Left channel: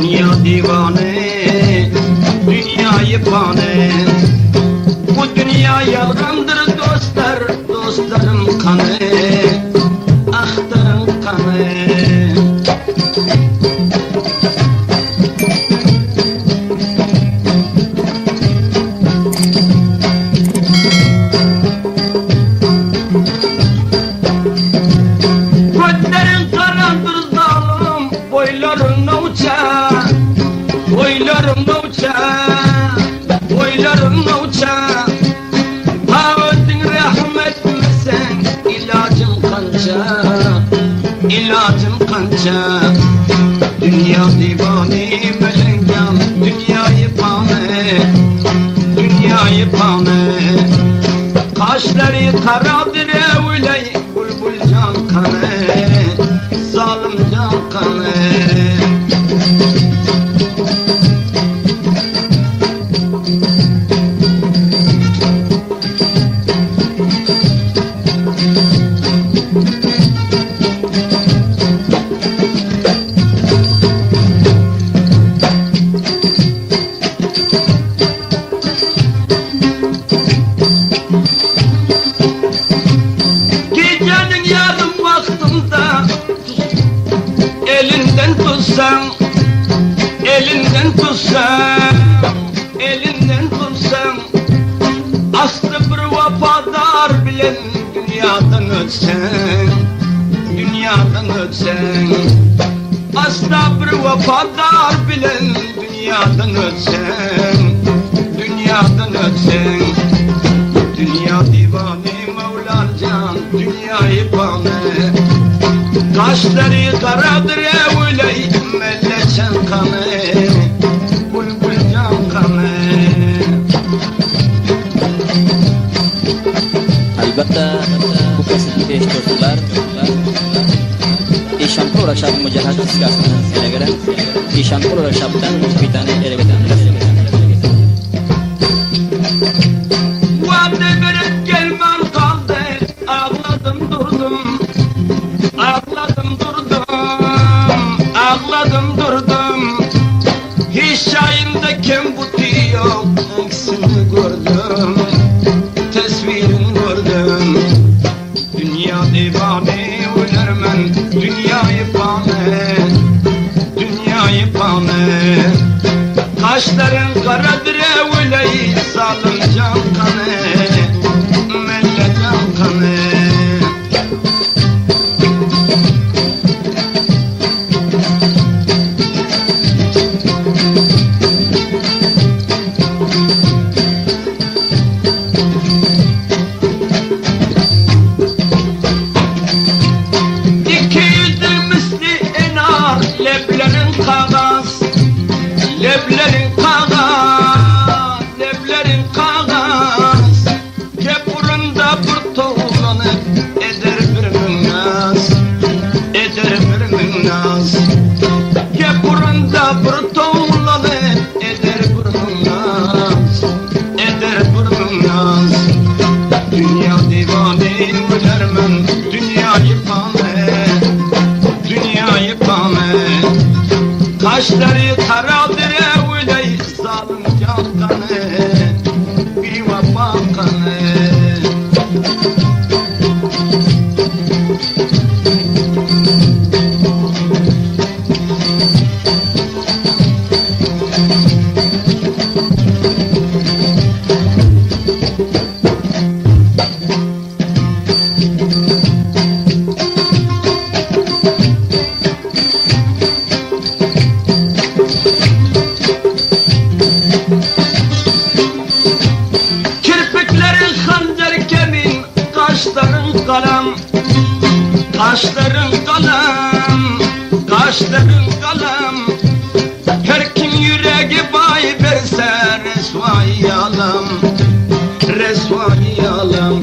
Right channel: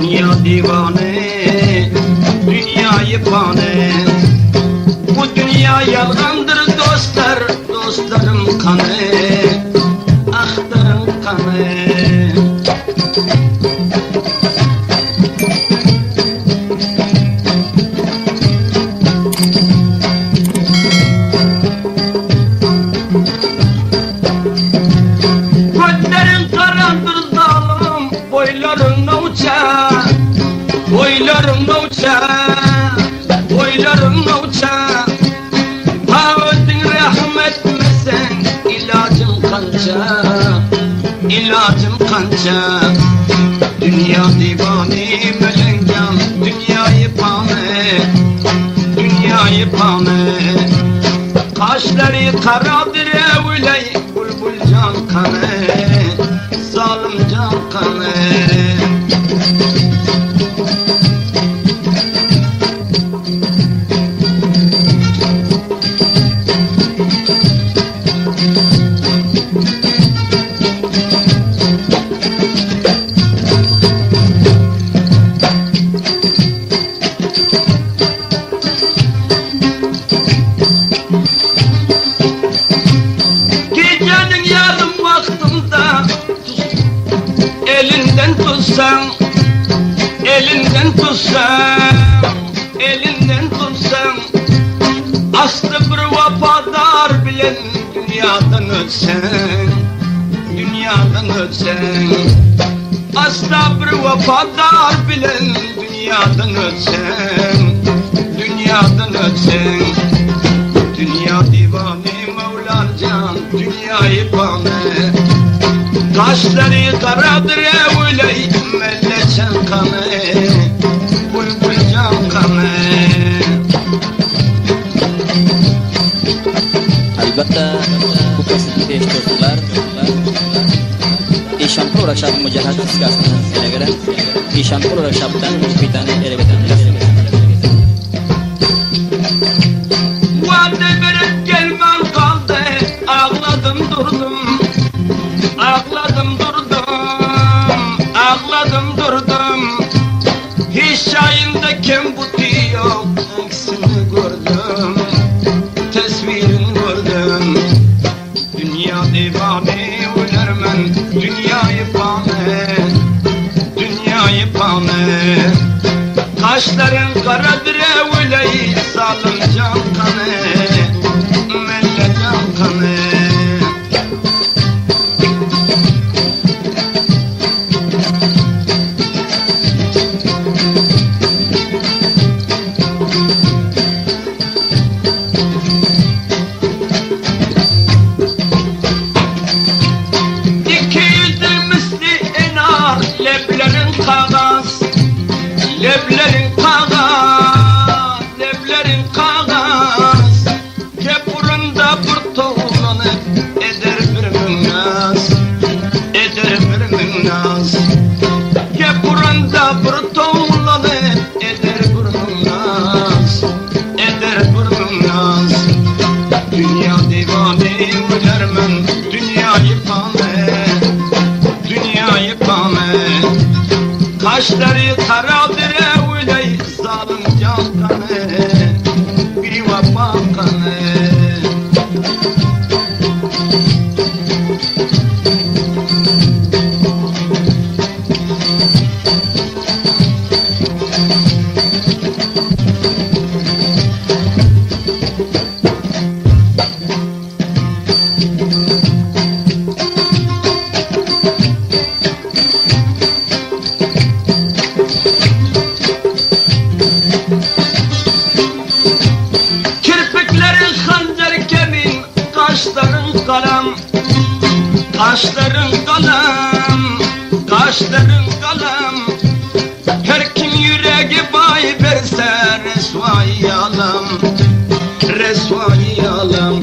Dünya divane, dünyayı pane. Bu dünya yalandır dostlar, dostlarım kanı, ahtarım kanı. Gözlerin karandır zalim, boylarına uçar. Boylarımda uçar, boylarımda uçar. Ha öldün rahmetmesen, ilacım kanca, ilacım kanca. Dünya divani melengan, dünyayı pane, dünyayı pane. Kaşları karadır evley, bulbul can kanı, zalim can kanı. Gecenin yarım vaktinde elinden tutsam, elinden tutsam, elinden tutsam. Aslı bir vefadar bilen dünyadan ötsen, dünyadan ötsen. Aslı bir vefadar bilen dünyadan ötsen, dünyadan ötsen. Dünya divane Mevlancan, dünyayı pane. Kaşları karadır evley, melleçen kanı, bulbul can kanı. Albatta bu kasıtlı beş dostlar Eşanpur akşam mücahid iskasına göre Eşanpur akşamdan bir tane eregeden. Vade verip gelmem kaldı, ağladım durdum, ağladım durdum, ağladım durdum. Hiç şayinde kim bu diyor, aksini gördüm, tesvirini gördüm. Dünya divane ölermen, dünyayı pane, dünyayı pane. Kaşların karadır evley, zalim can kanı, melle can kanı. İki yüzlü misli enar, leblerin kağız, leblerin kağız, leblerin kağız. Kepurunda bir tuğlanıp eder bir münnaz, eder bir münnaz. Kepurunda bir tuğlanıp eder bir münnaz, eder bir münnaz. Dünya divane ölermen, dünyayı pane, dünyayı pane. Kaşları karadır evley, zalim can kanı, bir vefa kanı. Kirpiklerin hancer kemin, kaşların kalem, kaşların kalem, kaşların kalem. Her kim yüreği bay verse resvai alem, resvai alem.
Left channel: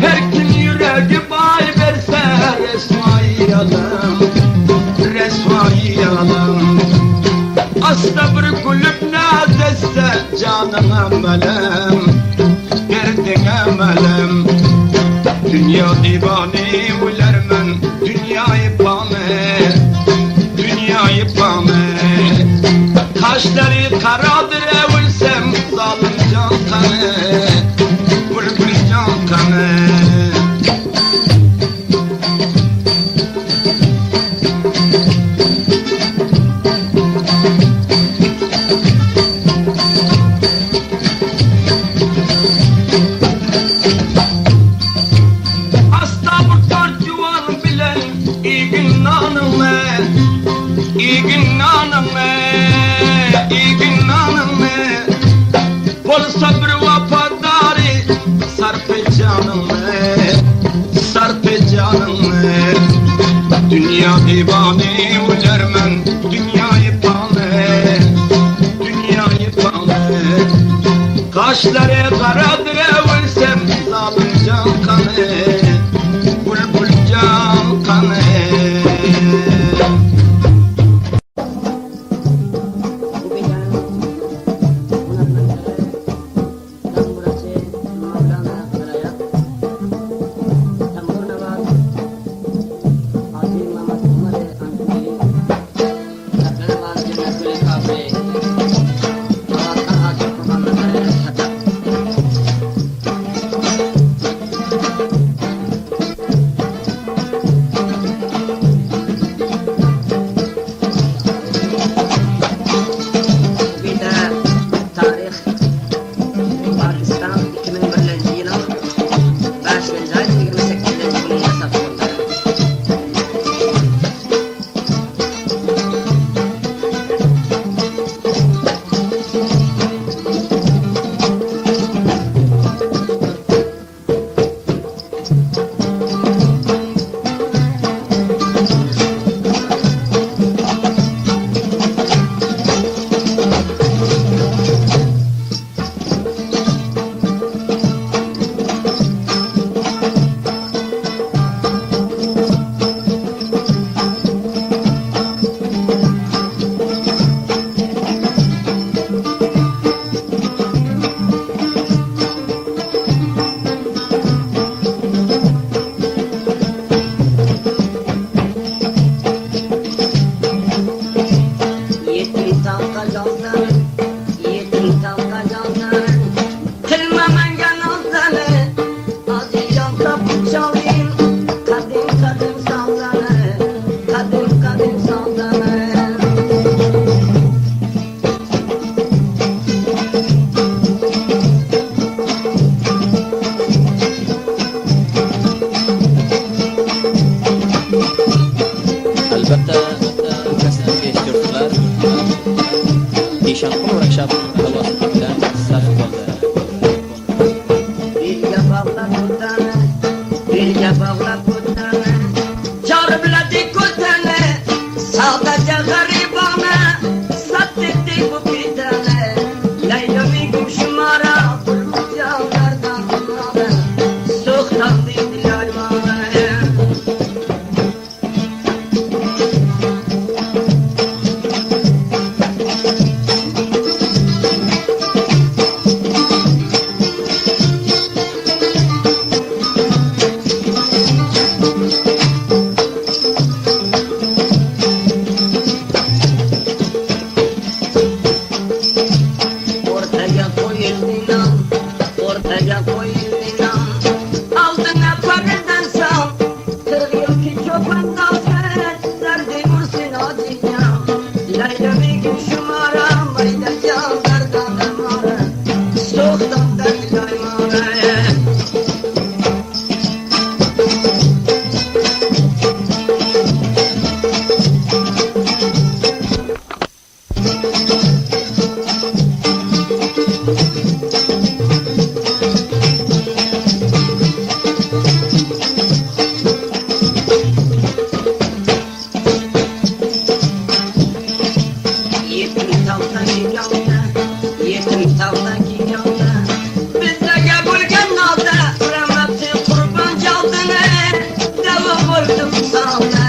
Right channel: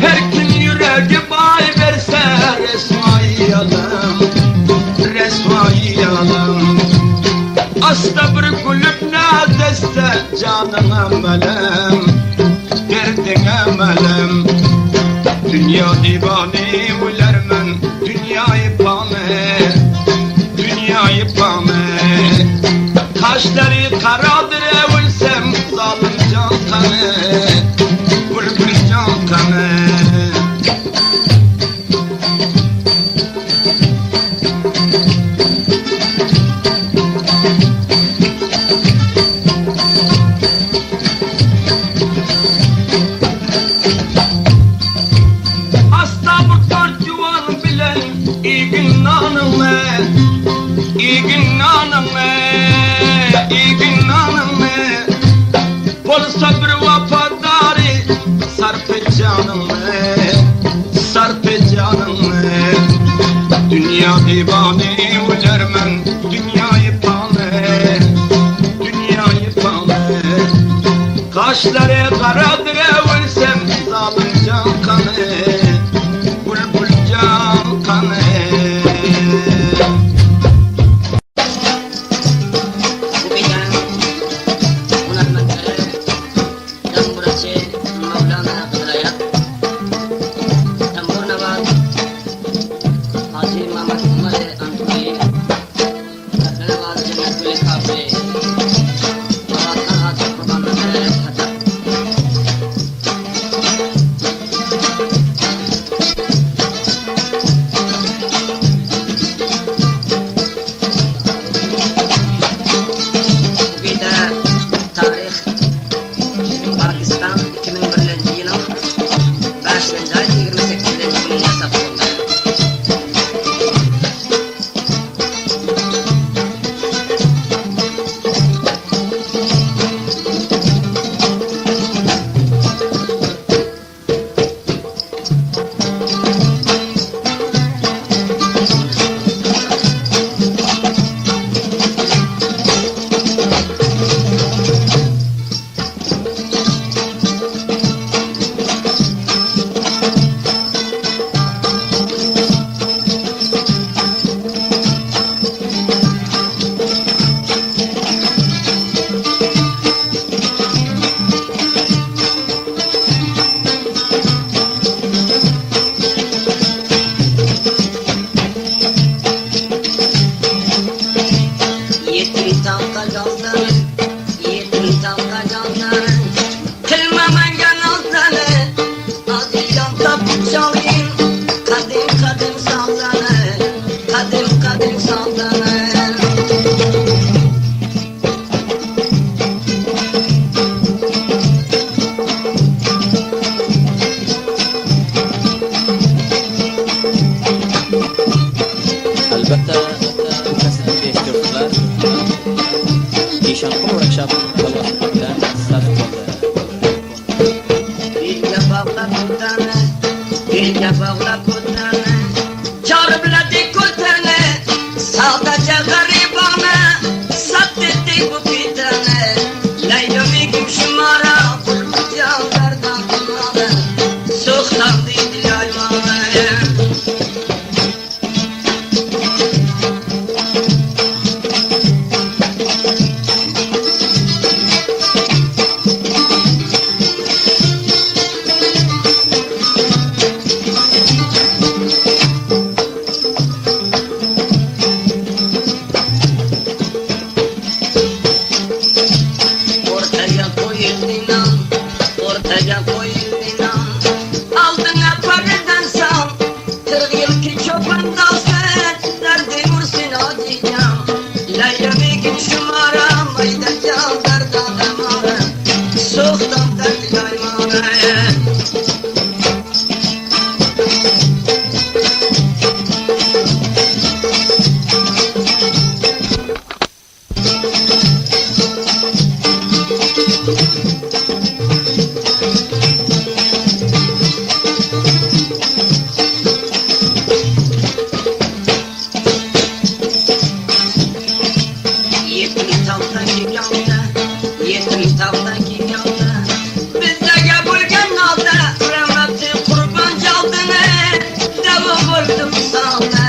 Her kim yüreği bay verse resvai alem, resvai alem. Asla bir kulüp nadesse canına melem, derdine melem. Dünya divane ölermen, dünyayı pane, dünyayı pane. Kaşları karadır evulsem zalim can kanı, bülbül can kanı. Hasta bu dört yuvan bilen iyi gün nanımı, iyi gün nanımı, iyi gün nanımı. Polsa bir vafadari sarpe canımı, sarpe canımı. Dünya divane ulermen, dünyayı pane, dünyayı pane. Kaşları karadır evulsem zalim can kanı, bülbül can kanı. Bu gecen unutmakları Tamburaçı Mevlana Kıdırayat Tambur Navat Hacı Mehmet Umar Antmayı Kadına var Cennet Gülü Kabri Allah'tan Hacı Kurbanları Katak tarix Pakistan 2001 yılın 5. ay 28. günü yasak oldu. Yetim tavka canlar, yetim tavka canlar. Kılmaman yanıldanı, azıcam tapu çalayım. Kadim kadim sallanı, kadim kadim sallanı. Albatta kasbga ehtiyojlar Eshonqul Workshop tavassuti bilan sarf bo'ldi. Dilga bog'lab o'tani, dilga bog'lab o'tani. Chori biladi ko'tani, savdocha g'aribona, satdi bu pitani. Laylamigim shumara, bulbullardan dumona, so'xtam deydi laymona. Ortaya koyuldun, ortaya koyuldun. Aldığına paradan sal, 40 yıl ki çoban dalsın, derdi vursun acıyam. Layla begim şumara, mayda çaldardan damara, soğuktan derdi laymara. Yetim tavdan giyanda, yetim tavdan giyanda. Bizlerge bulgan nalda, rahmatli kurban caldını, deva koydum salda.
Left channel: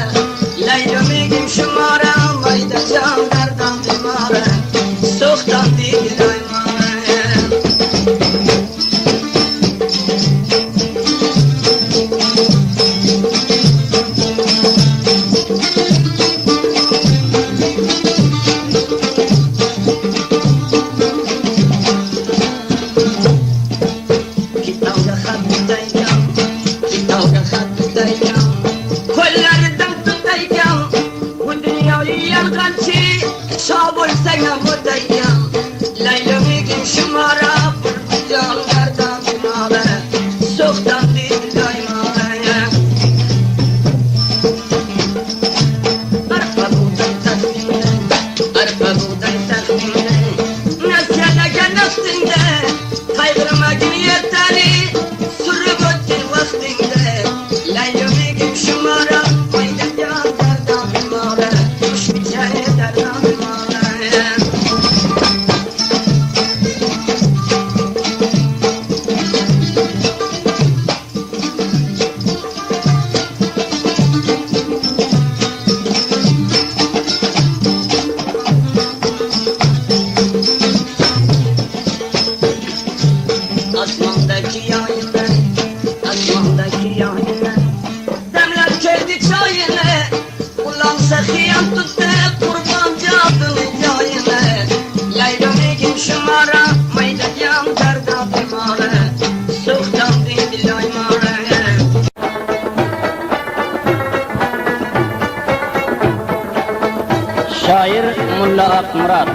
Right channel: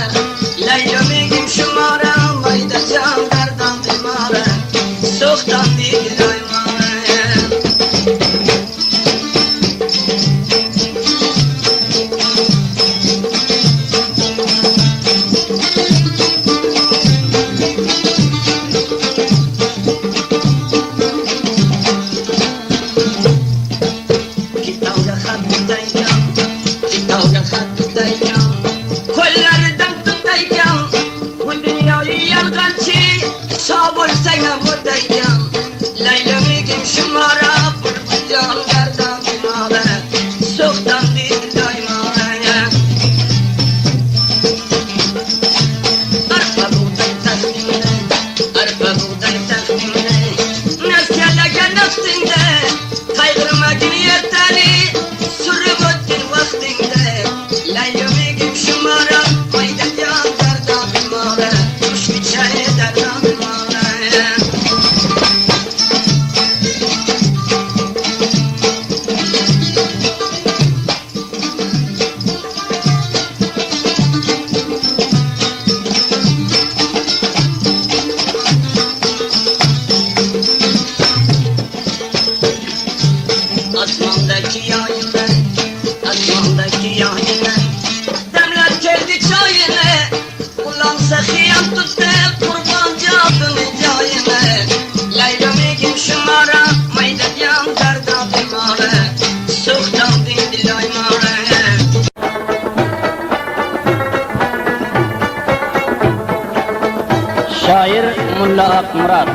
Layla begim şumara, mayda çaldardan dimara, soğuktan deydi laymara. sağ bo'lsang buradayam laylamigim shumara jon gardan mala so'qdan dedi doymaya arpa buğday taxtingda nasiyalaga nafsingda qayg'urmagin ertali surib o'tdin vaqtingda laylamigim shumara mayda jon gardan mala mushbichay dardan mala Asmandaki yayını demler keldi çayını Ulansa hıyam tuttu kurbancı adını cayını Laylamigim şumara maydayam darda bimare Soğuktan dindi laymare Şair Mulla Akmurat.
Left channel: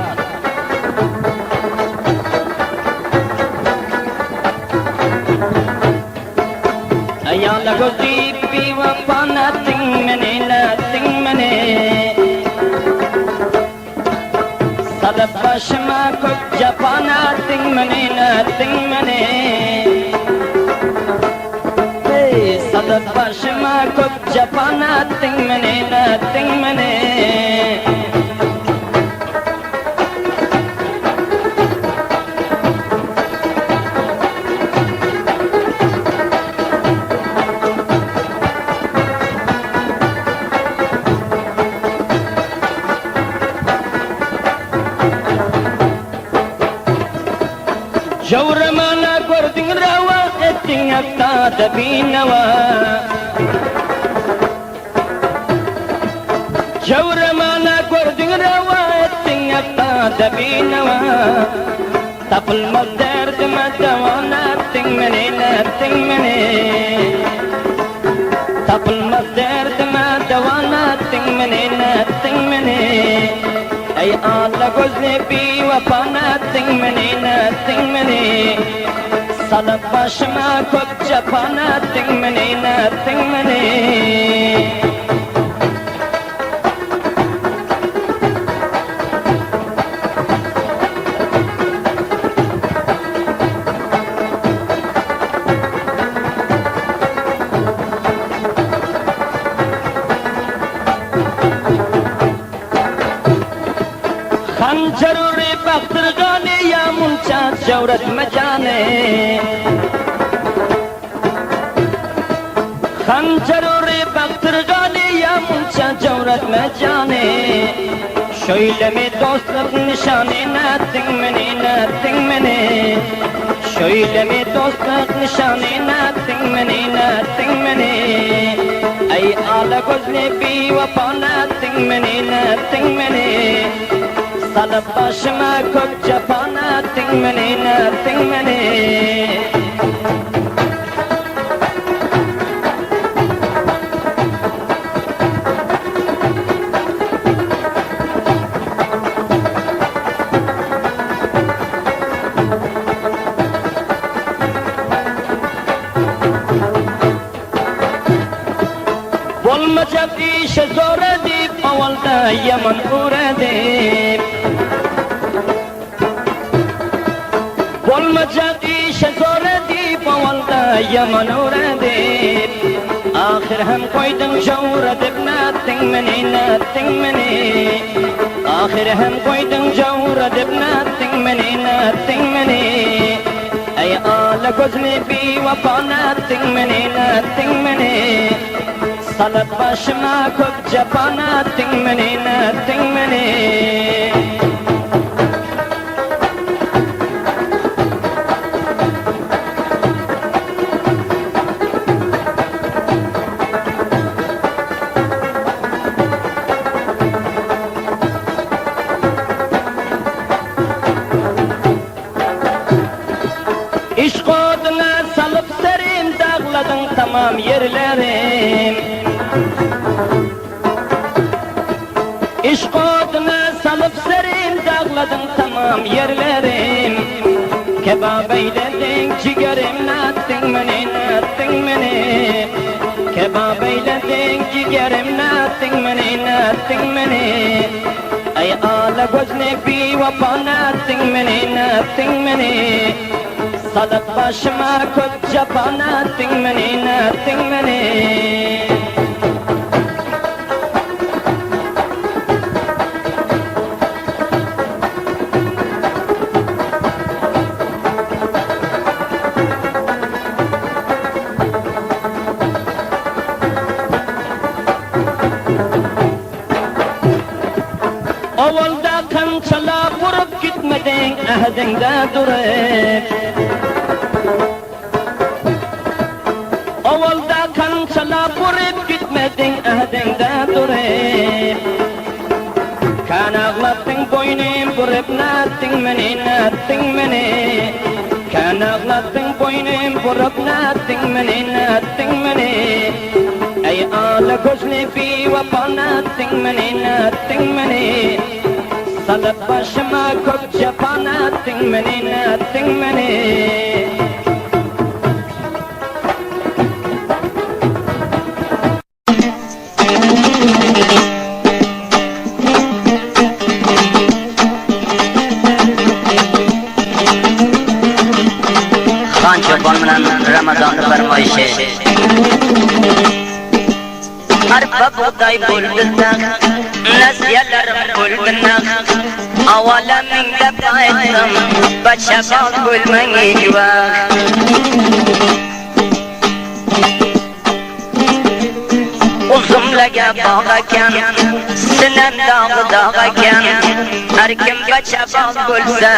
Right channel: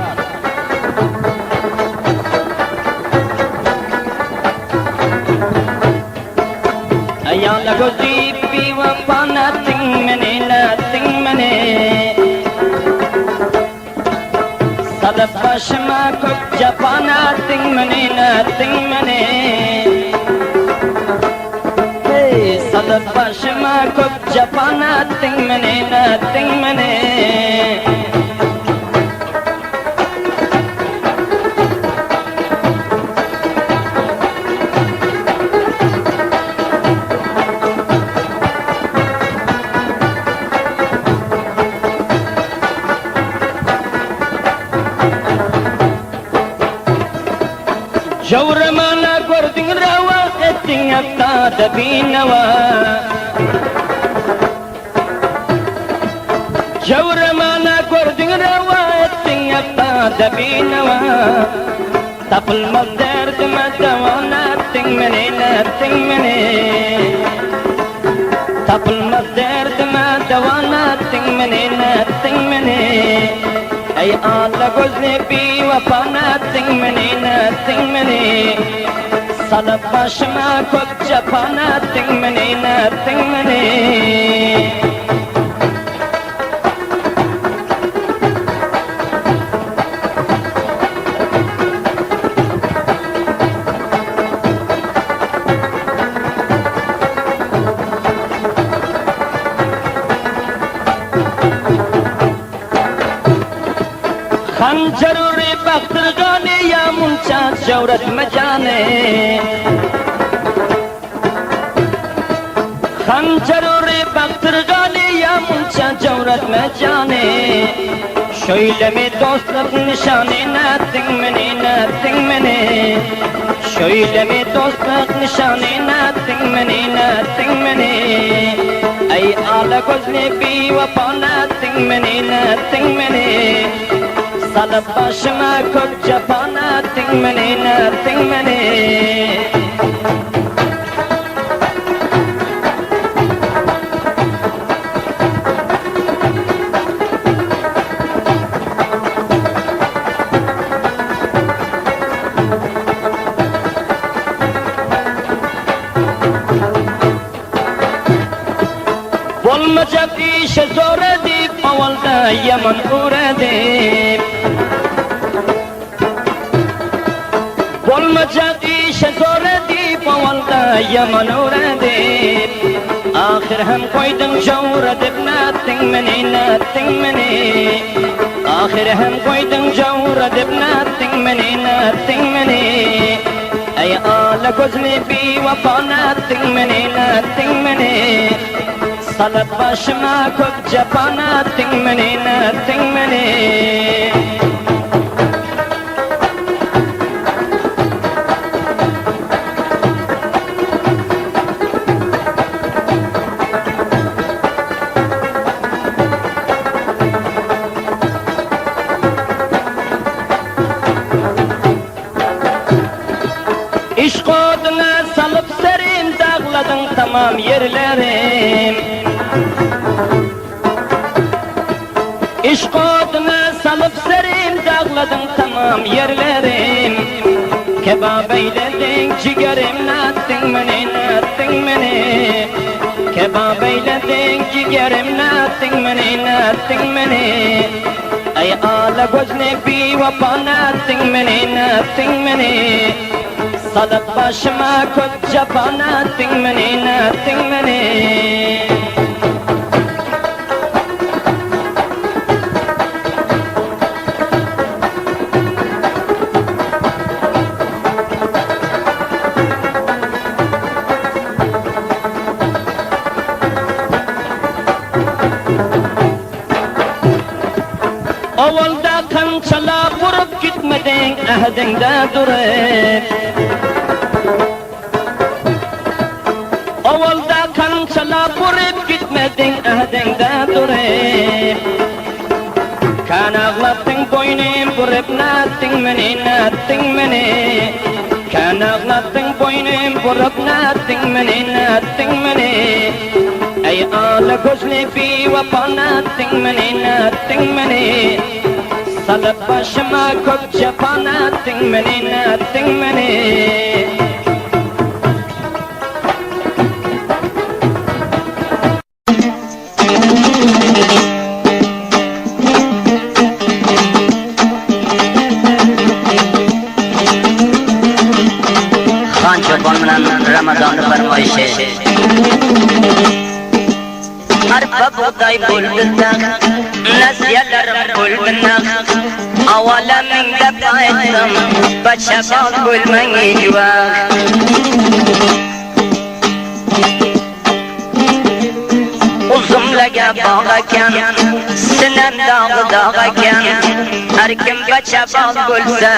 Ayala gozi piwa pana ting mene Sadat başıma koca pana ting mene Hey sadat başıma koca pana ting mene Jawramana gordin rawa etting akka dabinawa Jawramana gordin rawa etting akka dabinawa Tapul madar madawana ting mene Tapul madar madawana ting mene Ay ala gozni bi wapana ting mene Salat başıma koca pana ting mene Khanjaruri baktır gane ya muncha jawrat majane Khanjaruri baktır gane ya muncha jawrat majane Şöyle dostluk nişanına ting mene Şöyle dostluk nişanına ting mene Ay ala gozni bi wapana ting mene Salat başıma koca pana ting mene Bolmacak işe zor edip avalda yaman uğradık Bolmacak işe zor edip avalda yaman uğradık Ahir hem koydum jawr edip nating mene Ahir hem koydum jawr edip nating mene Ay ala gozni bi wapana ting mene Salat başıma koca pana ting mene İşq oduna salıp serin dağladın tamam yerlerim İşq oduna salıp serim dağladın tamam yerlerim. Kebap eyledin ciğerim nattın beni. Kebap eyledin ciğerim nattın beni. Ay ala göz nebi vapa nattın beni. Salıp başıma koç cepa nattın beni. Ovalda qanchalar qurib gitmeding ahdingda durib. Ovalda qanchalar qurib gitmeding ahdingda durib. Kanag'latding bo'ynim burib natding meni. Kanag'latding bo'ynim burib natding meni. Ay ala ko'zli fi vapa natding meni. Salıp başıma koç cepa natding meni. Xon Cho'pon bilan Ramazonni farmoyishi. Arpa buğday bo'ldi taq, nasiyalarim bo'ldi naq. Avalamingda payqam, bachaqon bo'lmang ejvaq. Uzumlaga bog' ekan, sinam dog' ekan. Har kim bachaqon bo'lsa,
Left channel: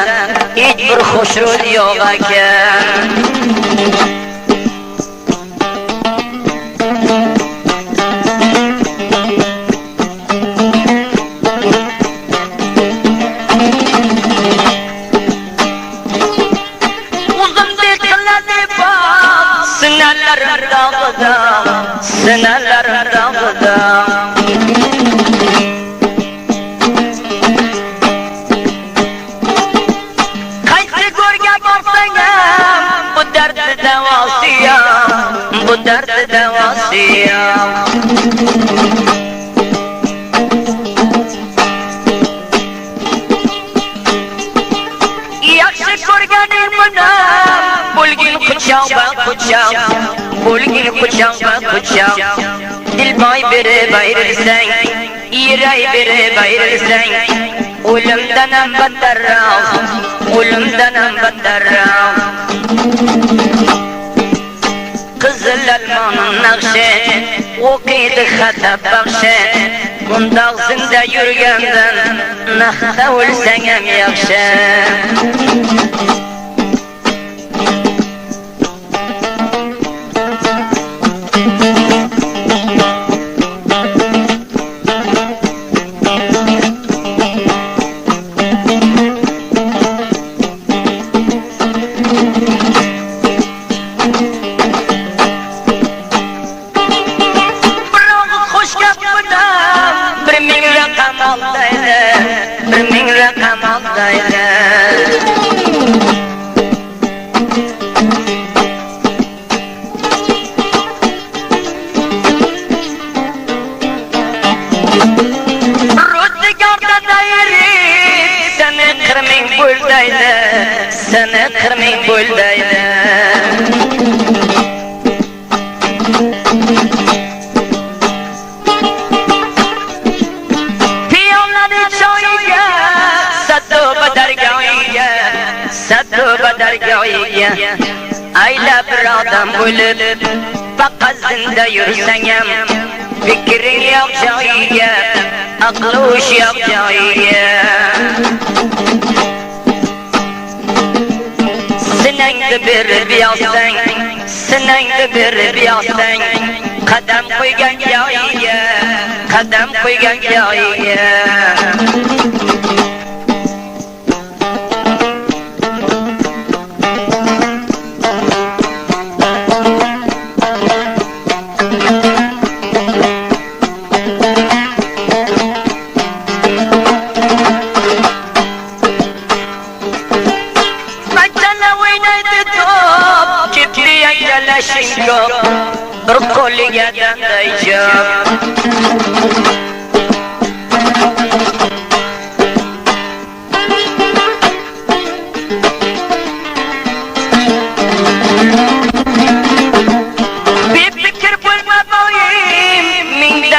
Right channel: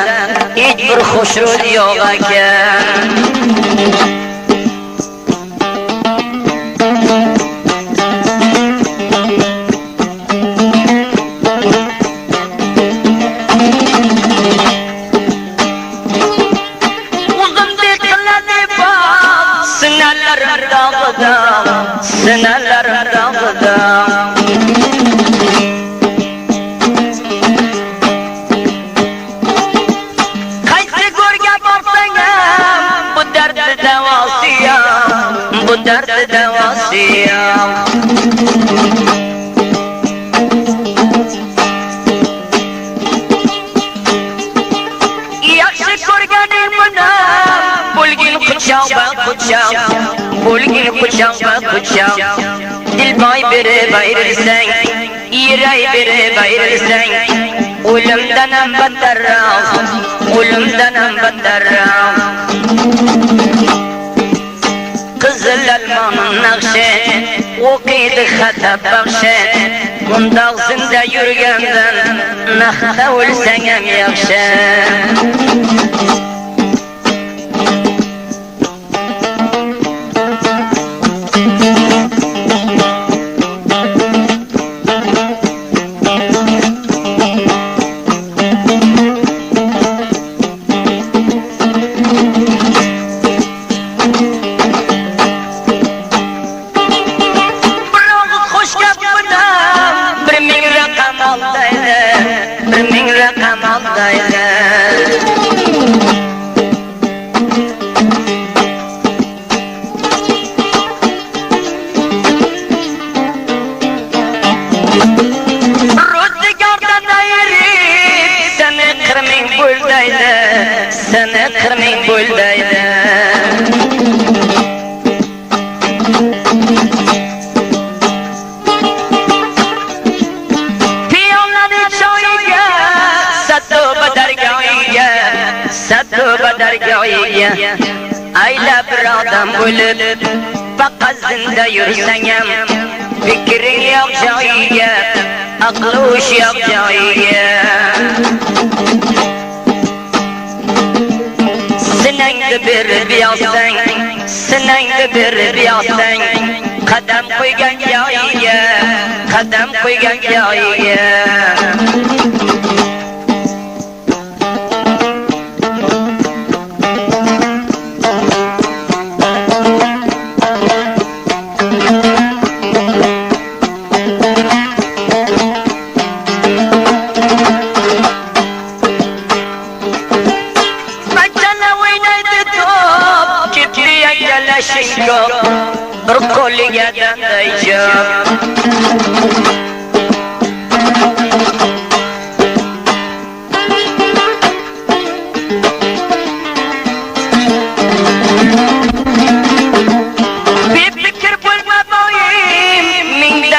hech bir xushro'y yo'q ekan. Sınarlarım dağda. Kaysi görge baksayam, bu derdi devasıyam. Yakşı görgenim bana, bulgin kucağım. Bulgin kucağım. Dilbay biri gayrılsan, yüreği biri gayrılsan. Ölümden beterram. Kızıl elmanın nakşi, okuydu hatap bakşı. Bunda ağzında yürgenden, nakta ölsen hem yakşı. Seni kırmızı buldaydı. Piyonları çoğuyga, sattu badargâhiga. Ayla bir adam bulup, bakazında yürüsenem. Fikrin yok çoğuyga, aklı uş yok çoğuyga. Sinangda bir biyasan, qadam qo'ygan joyiga.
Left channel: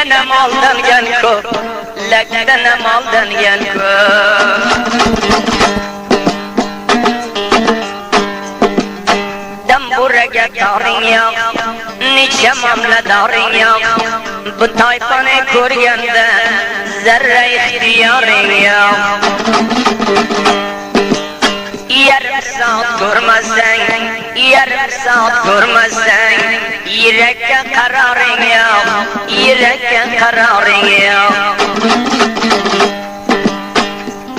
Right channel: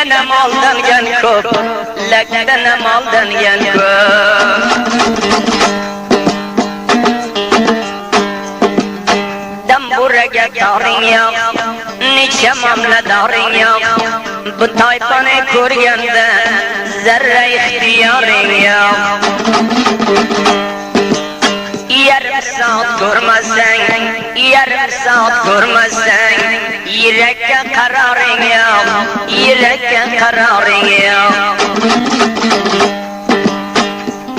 Lekten hem aldangan köp, lekten hem aldangan köp. Demburaga taring yok, necha mamladaring yok. Bu tayfani ko'rganda zarra ixtiyoring yo'q. Yarım saat ko'rmasang, yarim saat ko'rmasang, yurakka qararing yo'q, yurakka qararing yo'q.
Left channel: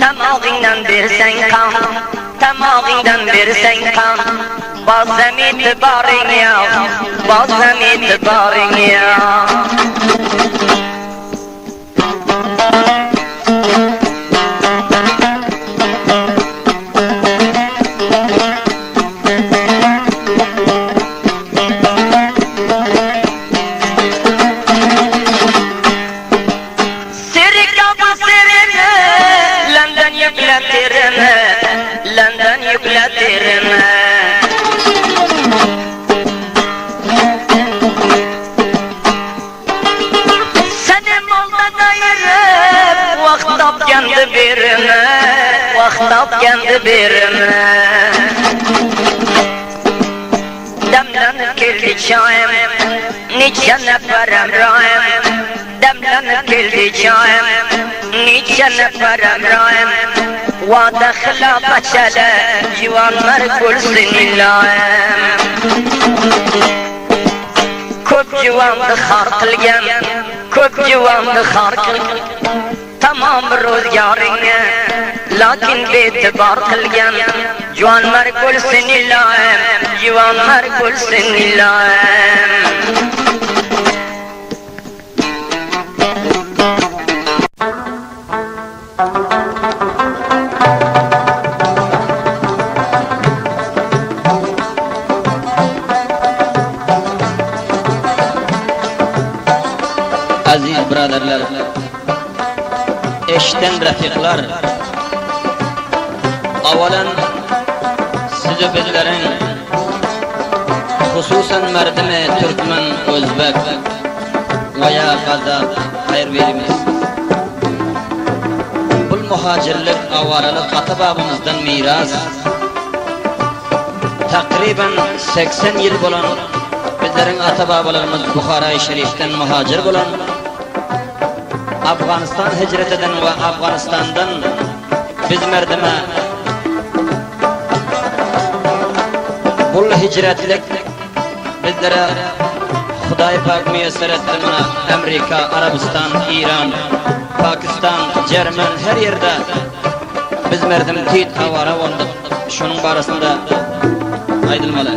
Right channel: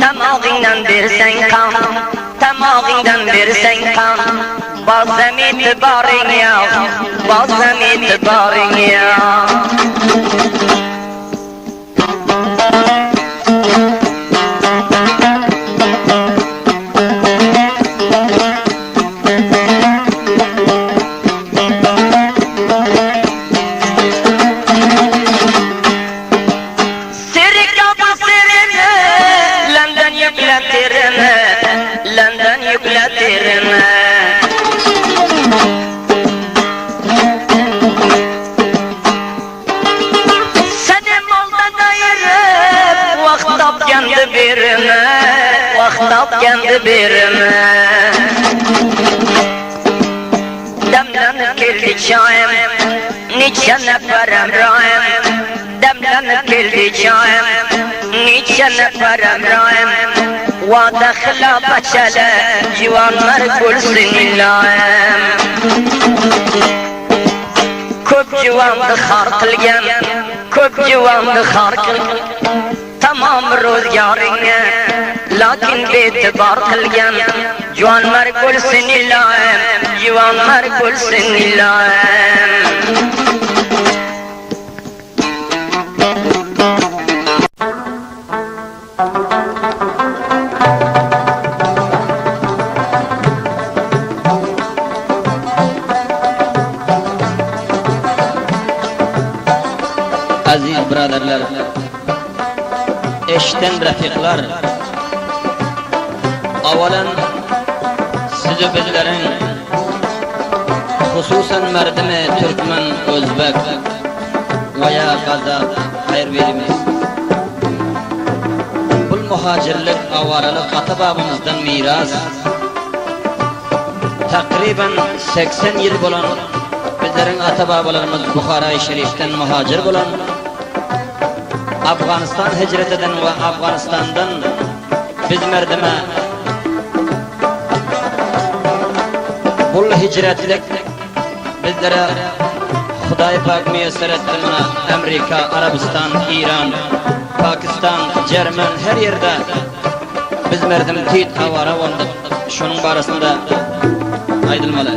Tamog'ingdan bersang qon, tamog'ingdan bersang qon, bozam e'tiboring yo'q, bozam e'tiboring yo'q. London yükletirme. Seni molda dayırıp vakt tapkendi birime, vakt tapkendi birime. Demlenip keldi çayım, niçe neferem rayım. Demlenip keldi çayım, niçe neferem rayım. Vada xilafet çele, civarlar gülsün illayım. Köp civandı xar qilgan, köp civandı xar qilgan. Tamam ro'zgaringga, lakin be'tibor qilgan. Civanlar gülsün illayim, civanlar gülsün illayim. Aziz birodarlar, eshitdan rafiqlar, avalan siz bizlaring, xususan mardimi turkman, o'zbek va ya qazaq xayr berimiz. Bu muhojirlik, avaralik ata-bobamizdan miras. Takriban 80 yil bo'lan bizlerin ata-bobolarimiz Buxoro Sharifdan muhojir bo'lan, Afg'oniston hijratidan va Afg'onistondan biz mardima bu hijratlik bizlere Xudoy pak muyassar etdi. Mana Amerika, Arabiston, Iran, Pokiston, Jerman her yerde biz mardim tiyit avara bo'ldik. Shuning barasında aytilmalar.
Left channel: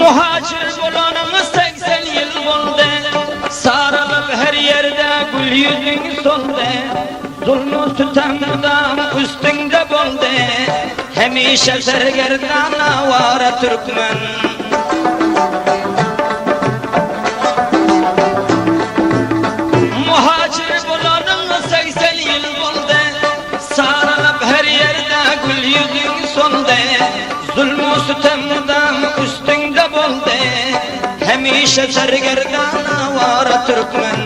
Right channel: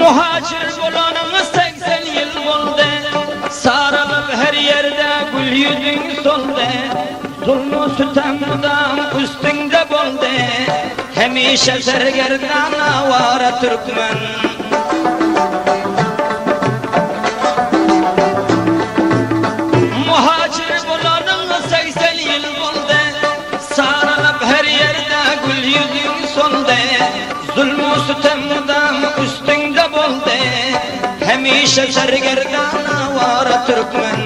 Muhacir bo'lanimiz 80 yil bo'ldi. Saralib her yerde gul yüzün soldi. Zulmü sitamdan üstünde bo'ldi. Hamisha sargardan avara turkman. Muhacir bo'lanimiz 80 yil bo'ldi. Saralib her yerde gul yüzün soldi. Zulmü sitamdan üstünde bo'ldi. Hamisha sargardan avara turkman.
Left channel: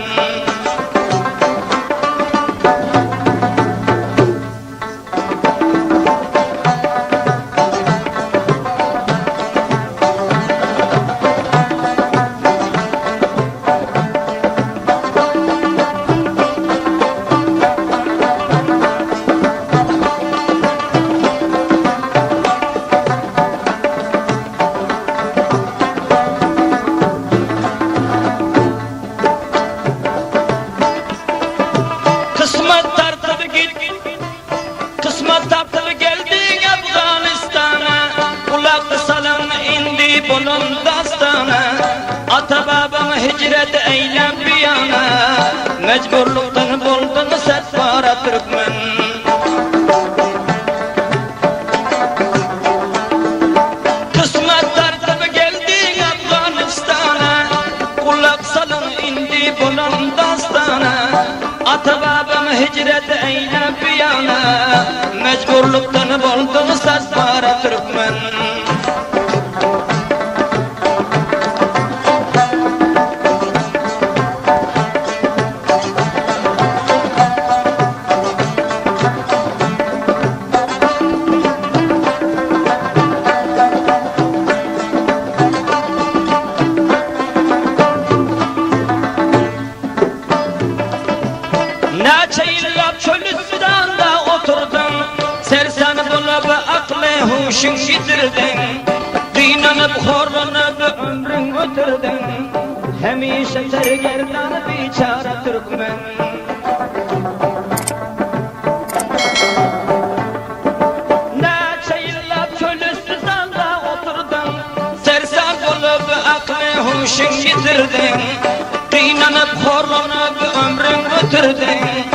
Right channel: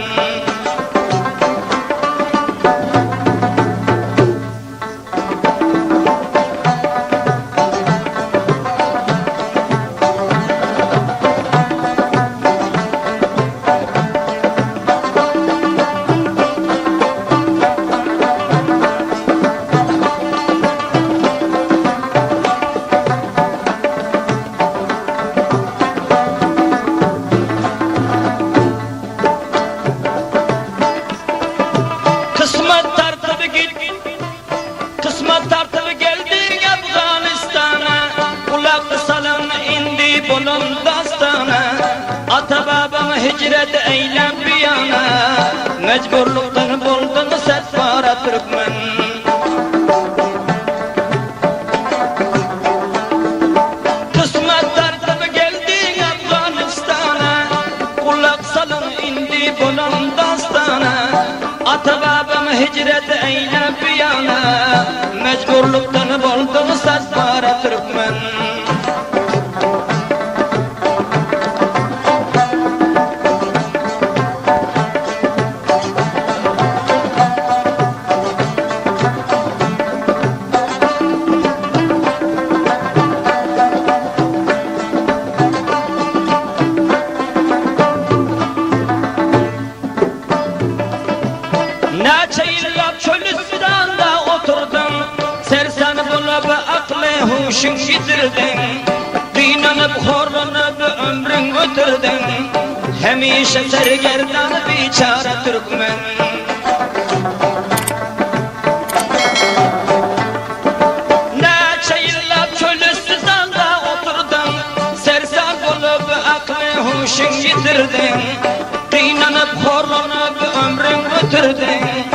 Kısmet tartıp geldin Afganistan'a. Kulak salam indi bunun dastana. Ata-babam hicret eylem bir yana. Mecburluktan buldun setbara Türkmen. Kısmet tartıp geldin Afganistan'a. Kulak salam indi bunun dastana. Ata-babam hicret eylem bir yana. Mecburluktan buldun setbara Türkmen. Neçe yıllar çölüstanda oturdun, sersen bulup aklı huşun yitirdin. Dinanıp horlanıp ömrün ötürdün, hemişe sergerdan biçare Türkmen. Neçe yıllar çölüstanda oturdun, sersen bulup aklı huşun yitirdin. Dinanıp horlanıp ömrün ötürdün,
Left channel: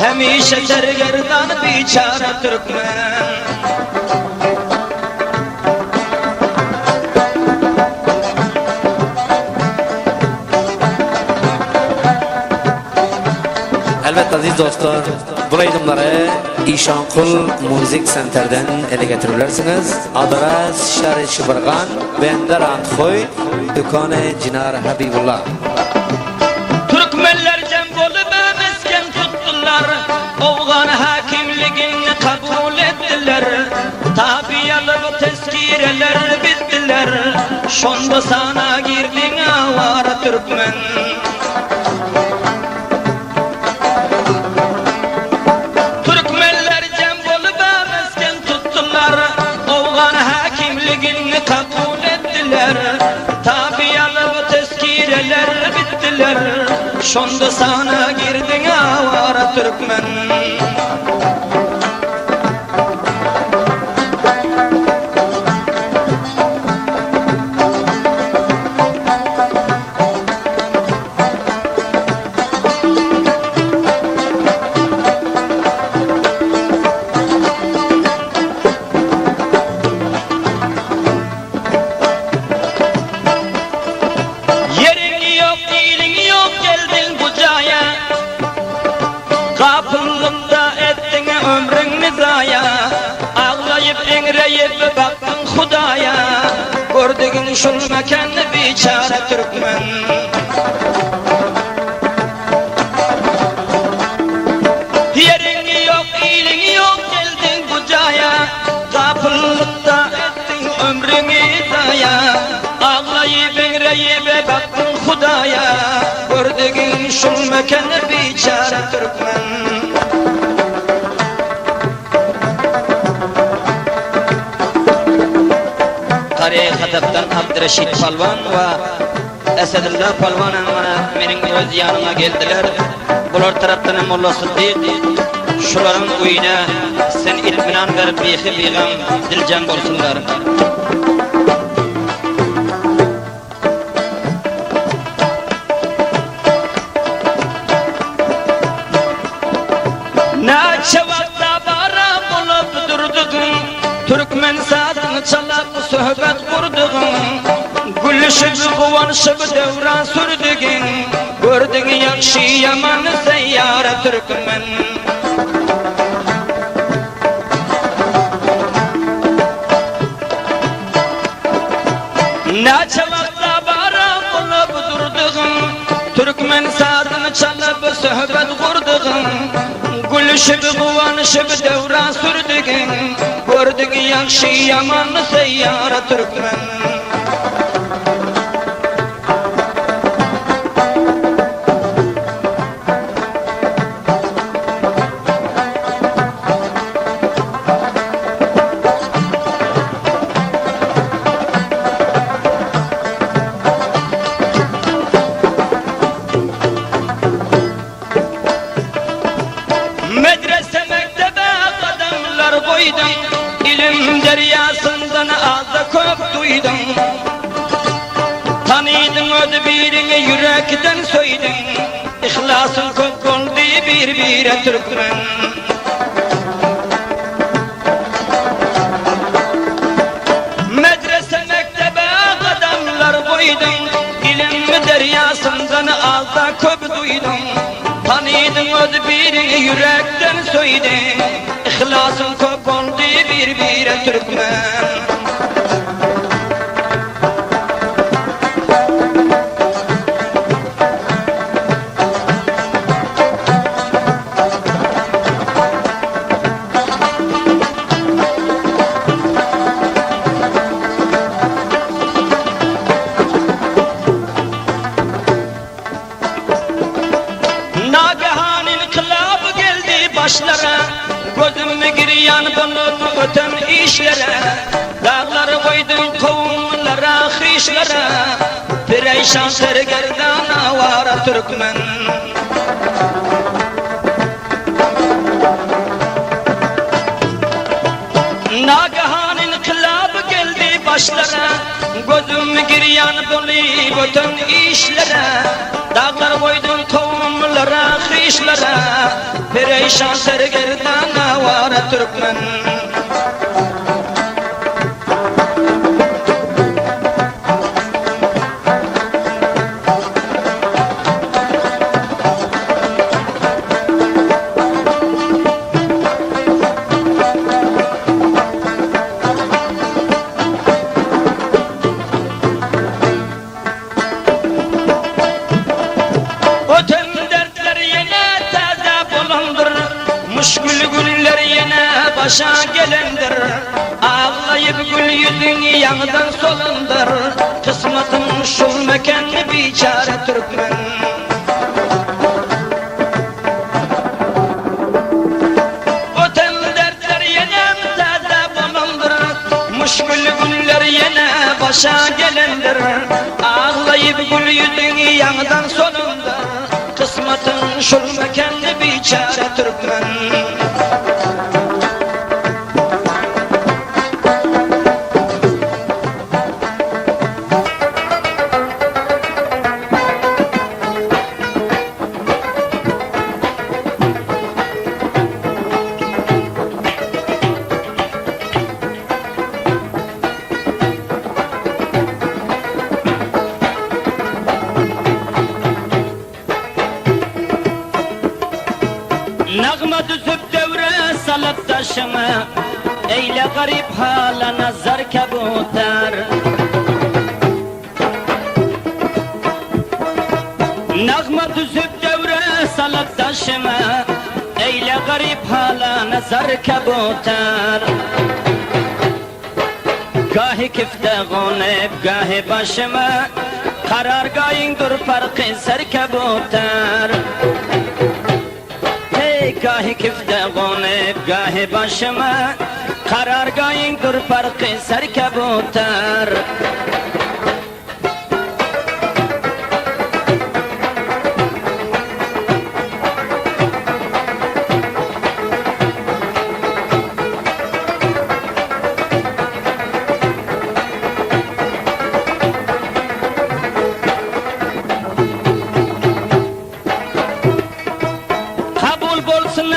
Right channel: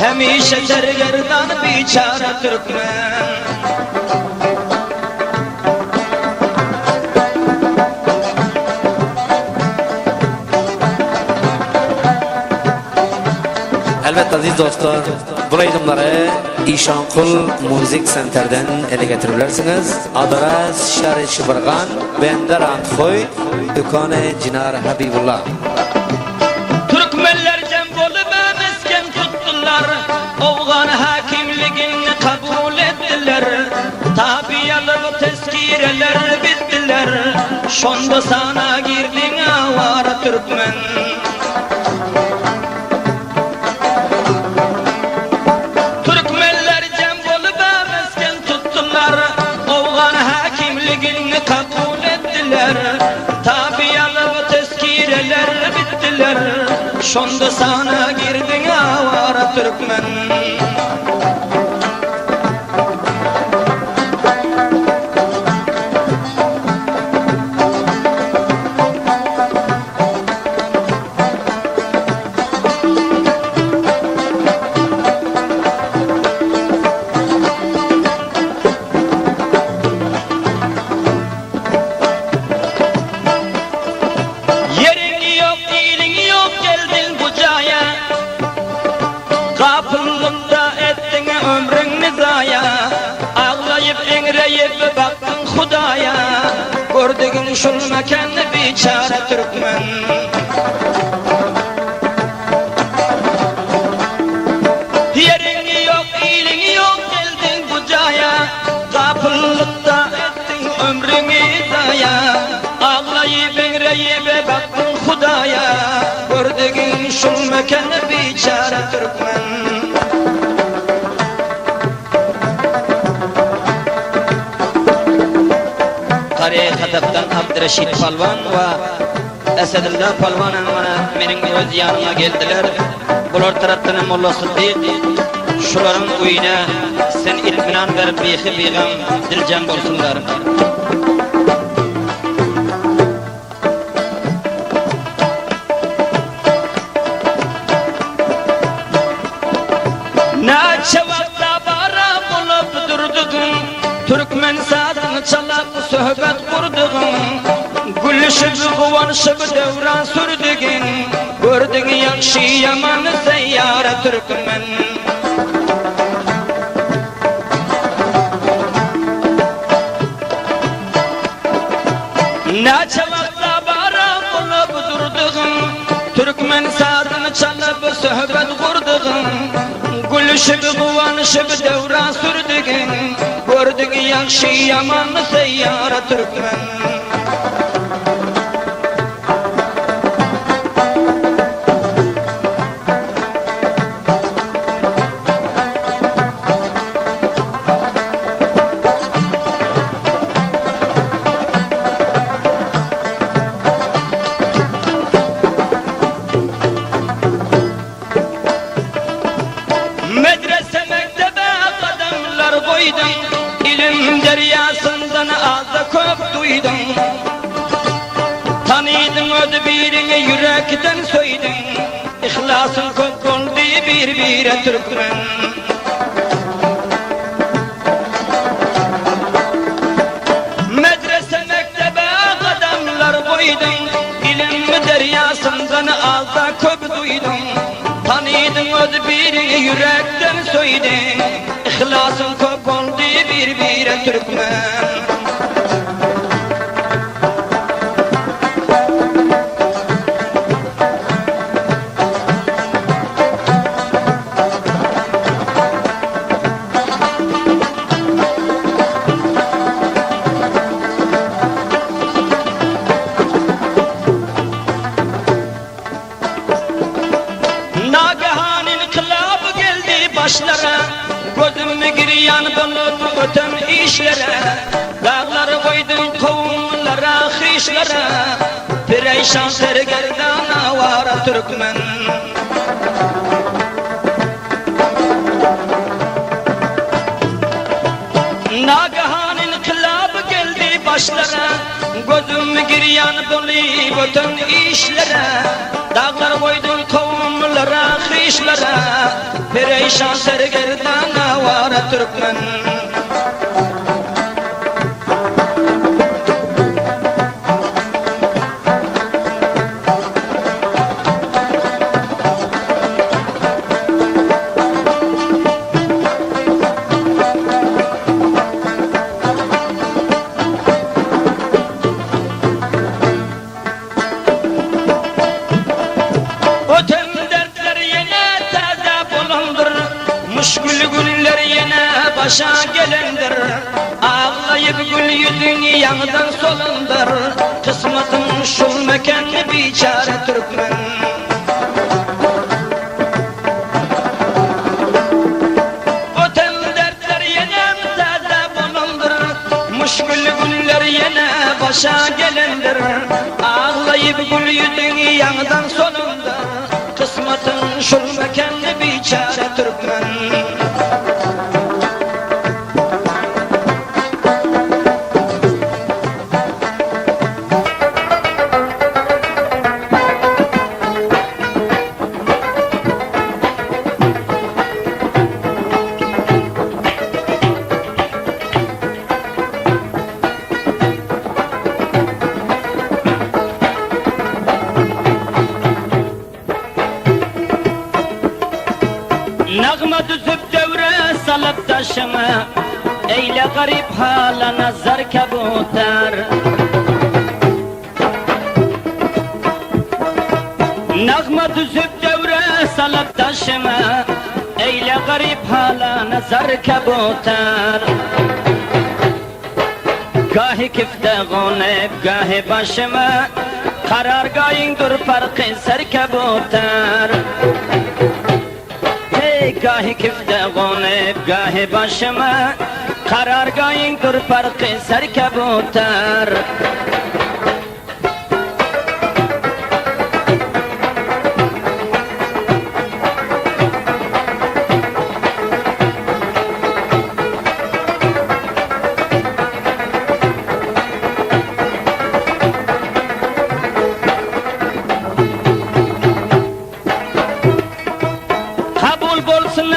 hemişe sergerdan biçare Türkmen. Elbette aziz dostlar, bu aydımları İşankul Müzik Center'den ele getirebilirsiniz. Adres Şehri Şıbırgan, Bender Antkoy, Dükkanı Cinar Habibullah. Türkmenler cembolu mesken tuttular, Oğan hakimliğini kabul ettiler. Tabiyalı tezkireler bittiler, şonda sana girdin avara Türkmen. Türkmenler cembolu mesken tuttular, Oğan hakimliğini kabul ettiler. Tabiyalı tezkireler bittiler, şonda sana girdin avara Türkmen. Yerin yok, ilin yok, geldin bu caya. Kapınlıkta ettin ömrünü zaya. Ağlayıp enreyip baktın Hudaya. Gördüğün şul mekanı biçare Türkmen. Yerin yok, ilin yok, geldin bu caya. Kapınlıkta ettin ömrünü zaya. Ağlayıp enreyip baktın Hudaya. Gördüğün şul mekanı biçare Türkmen. Tarih Hatap'tan Abdurreşit Palvan ve Esedullah Palvan'ın bana mening öz yanıma geldiler. Bular taraftan Molla Sıddiq, şuların uyuna sen itminan verip behi biğam dilcan bolsunlar. Neçe vakta bara bulup durdun, Türkmen sazını çalıp sohbet kurdun. Gülüşüp kıvanışıp devran sürdün, gördün yakşı yaman seyyare Türkmen. Neçe vakta bara bulup durdun, Türkmen sazını çalıp sohbet kurdun. Gülüşüp kıvanışıp devran sürdün, gördün yakşı yaman seyyare Türkmen. Medrese mektebe kadınlar koydun, ilim deryasından ağza köp duydun. Tanıydın ödbirini yürekten söydün, İhlasın köp oldu bir Türkmen. Medrese mektebe kadınlar koydun, ilim deryasından ağza köp duydun. Tanıydın ödbirini yürekten söydün, İhlasın köp oldu bir Türkmen. Nagahan inkılap başlara, gözümü giryan bulur öten işlere. Dağları koydum kovumlara, hışlara, perişan sergerdana vara Türkmen. Nagahan inkılap geldi başlara, gözüm giryan bulur öten işlere. Dağlar koydum kovumlara, hışlara, perişan sergerdana vara Türkmen. Müşkül günler yine başa gelendir. Ağlayıp gül yüzün yandan solundur. Kısmetin şul mekanı biçare Türkmen. Öten dertler yine taze bulundur. Müşkül günler yine başa gelendir. Ağlayıp gül yüzün yandan solundur. Kısmetin şul mekanı biçare Türkmen. Nağma düzüp devre salıp taşıma, eyle garip hala nazar kabutar. Nağma düzüp devre salıp taşıma, eyle garip hala nazar kabutar. Gahi kifte gonep gahi başıma, karargahın dur farkı ser kabutar. Gahi kifte gonep gahi başıma, karargahın dur farkı ser kabutar.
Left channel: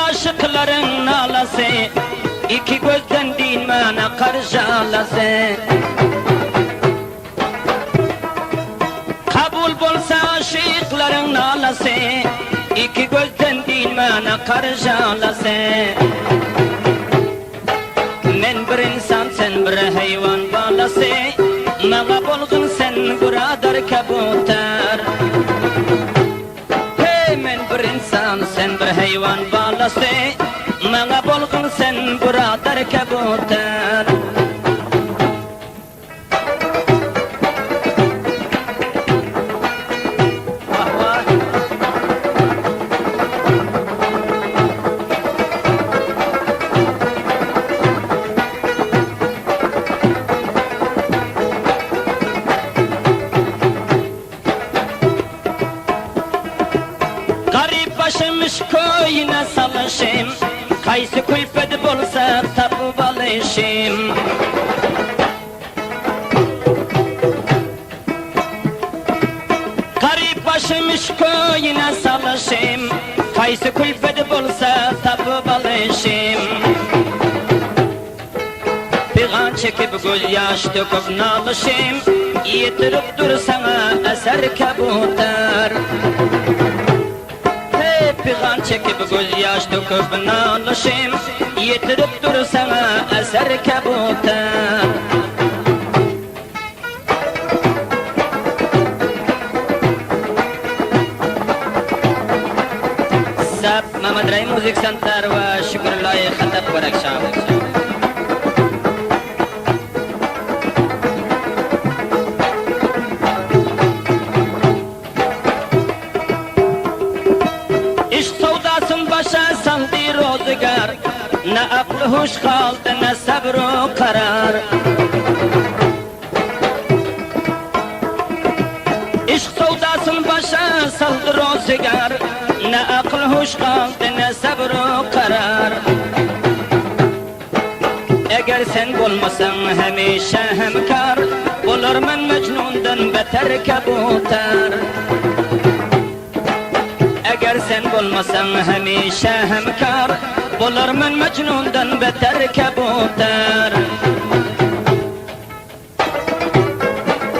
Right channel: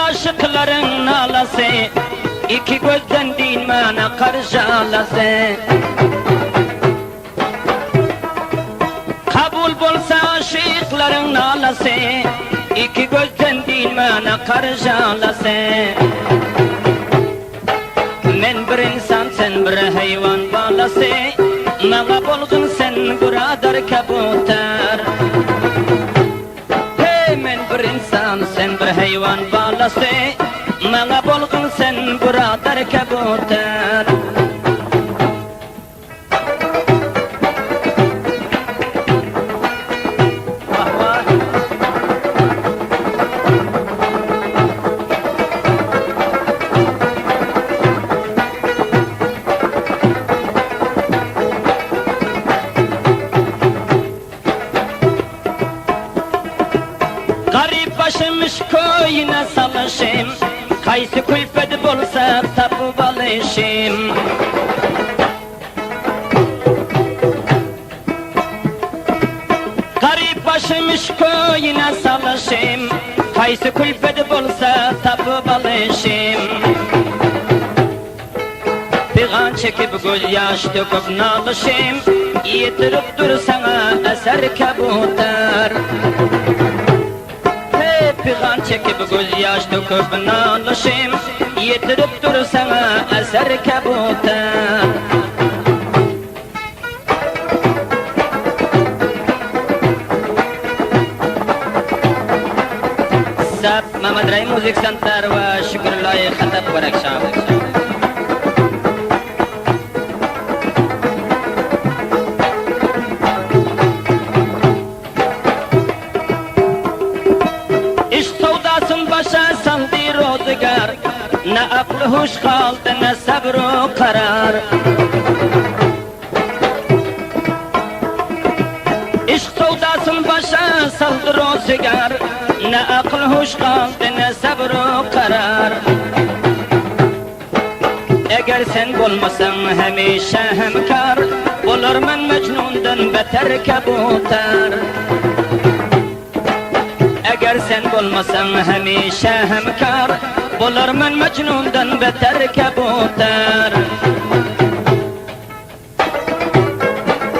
Aşıkların nalası, iki gözden dimana karşılası. Kabul bolsa aşıkların nalası, iki gözden dimana karşılası. Men bir insan sen bir hayvan balası, nala boldun sen buradır kabutar. Men bir insan sen bir hayvan balası, nala boldun sen buradır kabutar. Başımış koyuna salaşım, kaysı külfet bolsa tapıp alışım. Garip başımış koyuna salaşım, kaysı külfet bolsa tapıp alışım. Pigan çekip göz yaş döküp nalışım, yitirip dur sana eser kabutar. Pigan çekip göz yaş döküp nalışım, yitirip dur sana eser kabutar. Sap Mehmet Ray Müzik Center ve Şükürlay Hatap Barakşan. İş savdasın başa sandı roz Ne aklı huş kaldı ne sabrı karar. İşk soldasın başa saldır o sigar. Ne akıl huş kaldı ne sabrı karar. Eğer sen bulmasan hemişe hemkar, olurman Mecnun'dan beter kabutar. Eğer sen bulmasan hemişe hemkar, olurman Mecnun'dan beter kabutar.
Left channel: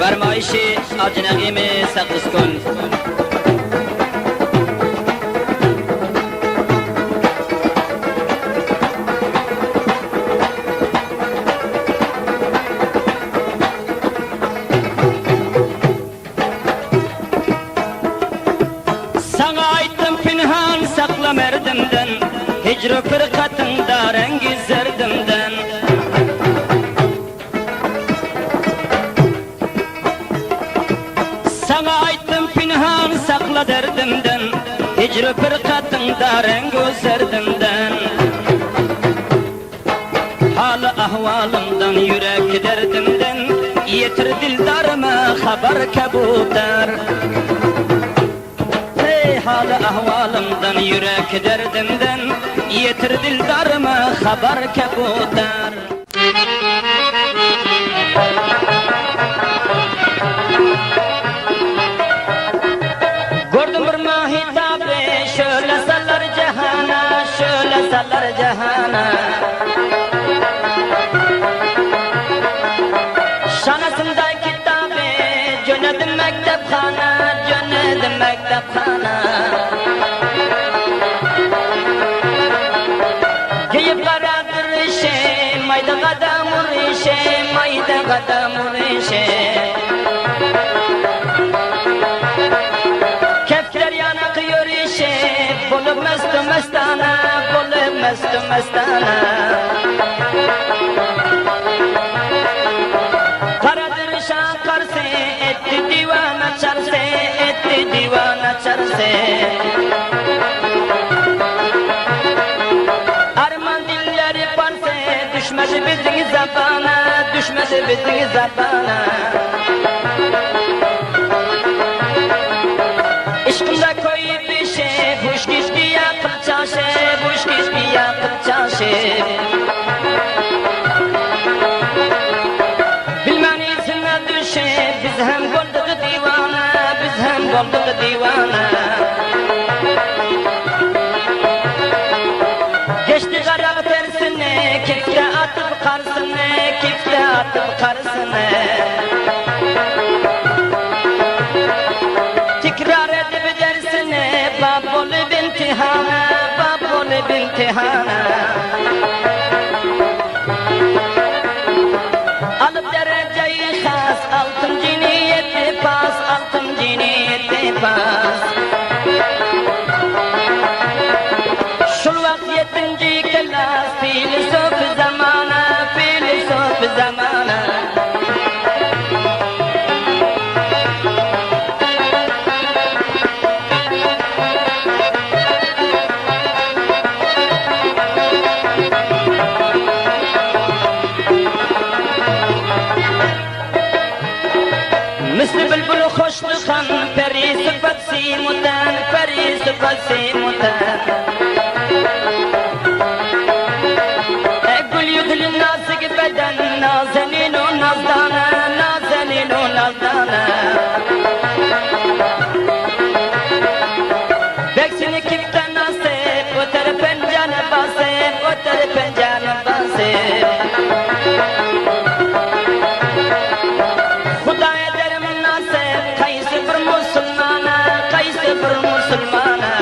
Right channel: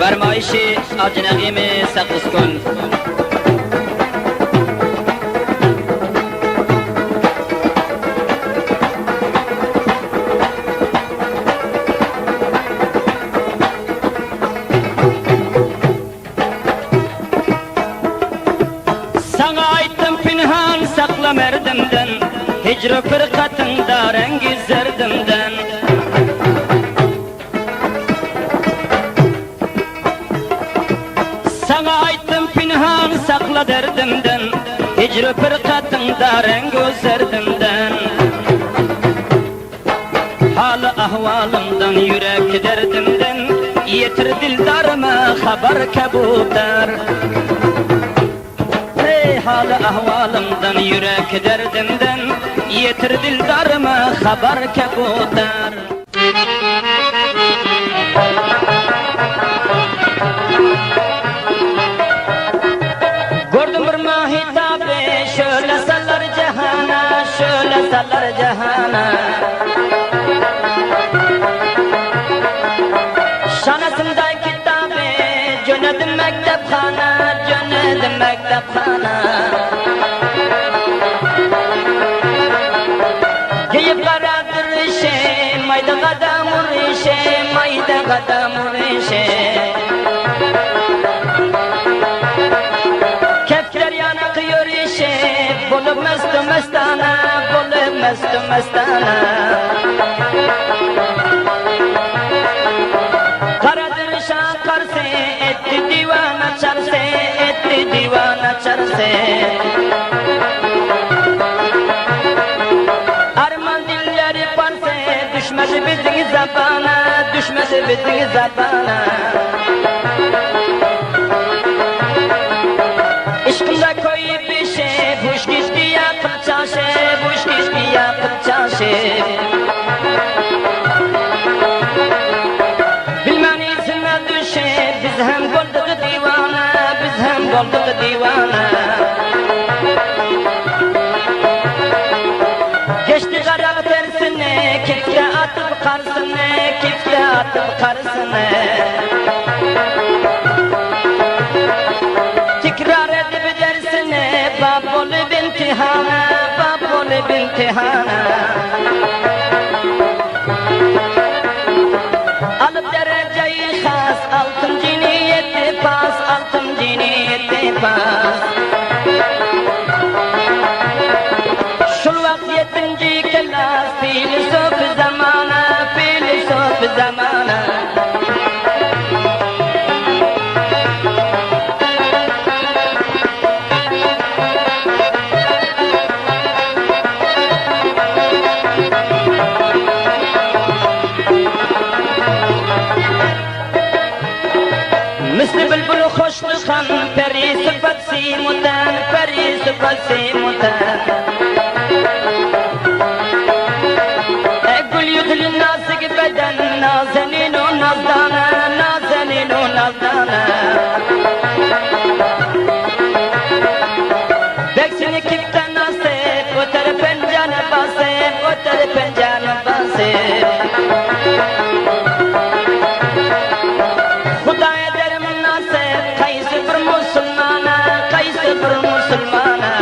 Vermayişi acnebimi sakız kul. Merdimden, hicri fırkatında rengi zerdimden. Sana aytdım pinhan sakla derdimden, hicri fırkatında rengi zerdimden. Halı ahvalımdan yürek derdimden, yetir dildarıma haber kabutar. Halı ahvalımdan yürek derdimden yetir dildarıma haber kabutar. Gördüm bir mahitabe şöyle sallar cehana, şöyle sallar cehana. Şanasında kitabe cönedim mektepkhana, cönedim mektepkhana. Mayda gadamur işe Kefler yanakıyor işe Bulup mestı mestana Bulup mestı mestana Karadır şankarse Etti divan açarse Etti divan açarse Arman dilleri panse Düşmesi bizim zabana Düşmesi bizim zabana İşkında koyup bir şey Buş kişki yakıp çarşı Buş kişki yakıp çarşı Bilmem izine düşe Biz hem bulduk divana Biz hem bulduk divana Geçti karak tersine Kifte atıp karşısına Kifte atıp karşısına Tekrar edip dersine Bab olup imtihana Bab olup imtihana Alıp dereceyi khas Altıncı niyeti pas Altıncı niyeti pas Şulak yetinci kelas Filosof zamana Filosof zamana Misli bülbül hoş kuşkan Peri sıfat simutan Peri sıfat simutan Gül yüzlü nazik beden Nazenin o nazdana Nazenin o nazdana Beksini kiften nasip Öter pencane basip Öter pencane basip Hudaya derim nasip Kayısı bir musulmana Kayısı bir musulmana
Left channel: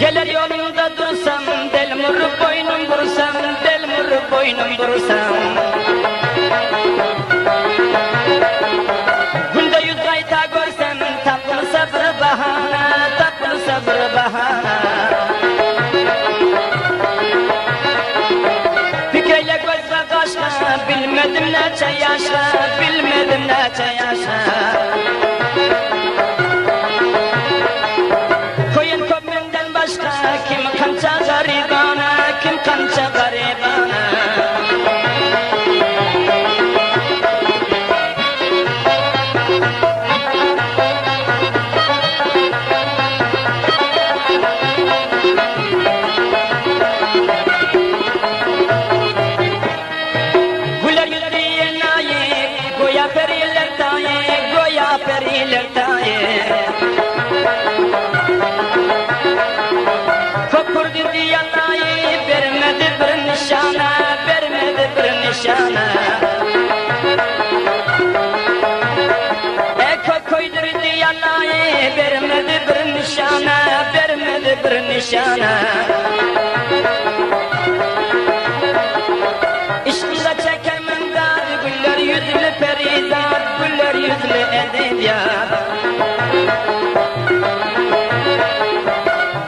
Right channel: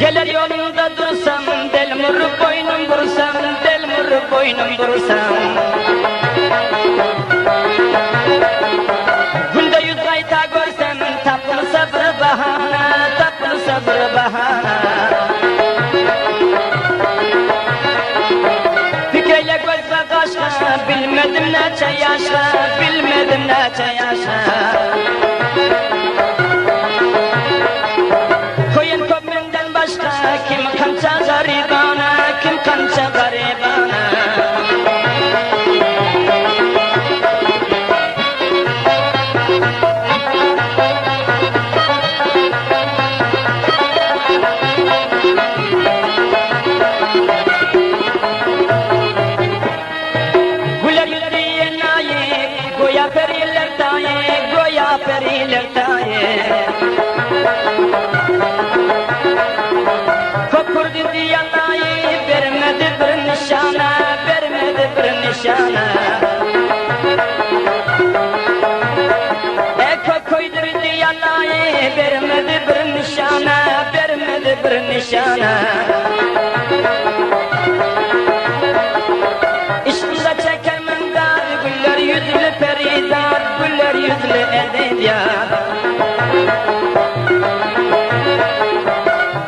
Gelir yolunda dursam Del mırı boynum vursam Del mırı boynum vursam Günde 100 ayta görsem Tapın sabrı bahana Tapın sabrı bahana Fikreyle gözle kaşla Bilmedim neçe yaşa Bilmedim neçe yaşa Koyun köpründen başka kança garibana, kim kança garibana. Güler yüzlüye layık, goya periler taye, goya periler taye. Kurdu diye layık, vermedi bir nişana, vermedi bir nişana. Koydur diye layık, vermedi bir nişana, vermedi bir nişana. İşimize çekemem dar, güller yüzlü perizat, güller yüzlü edebiyat.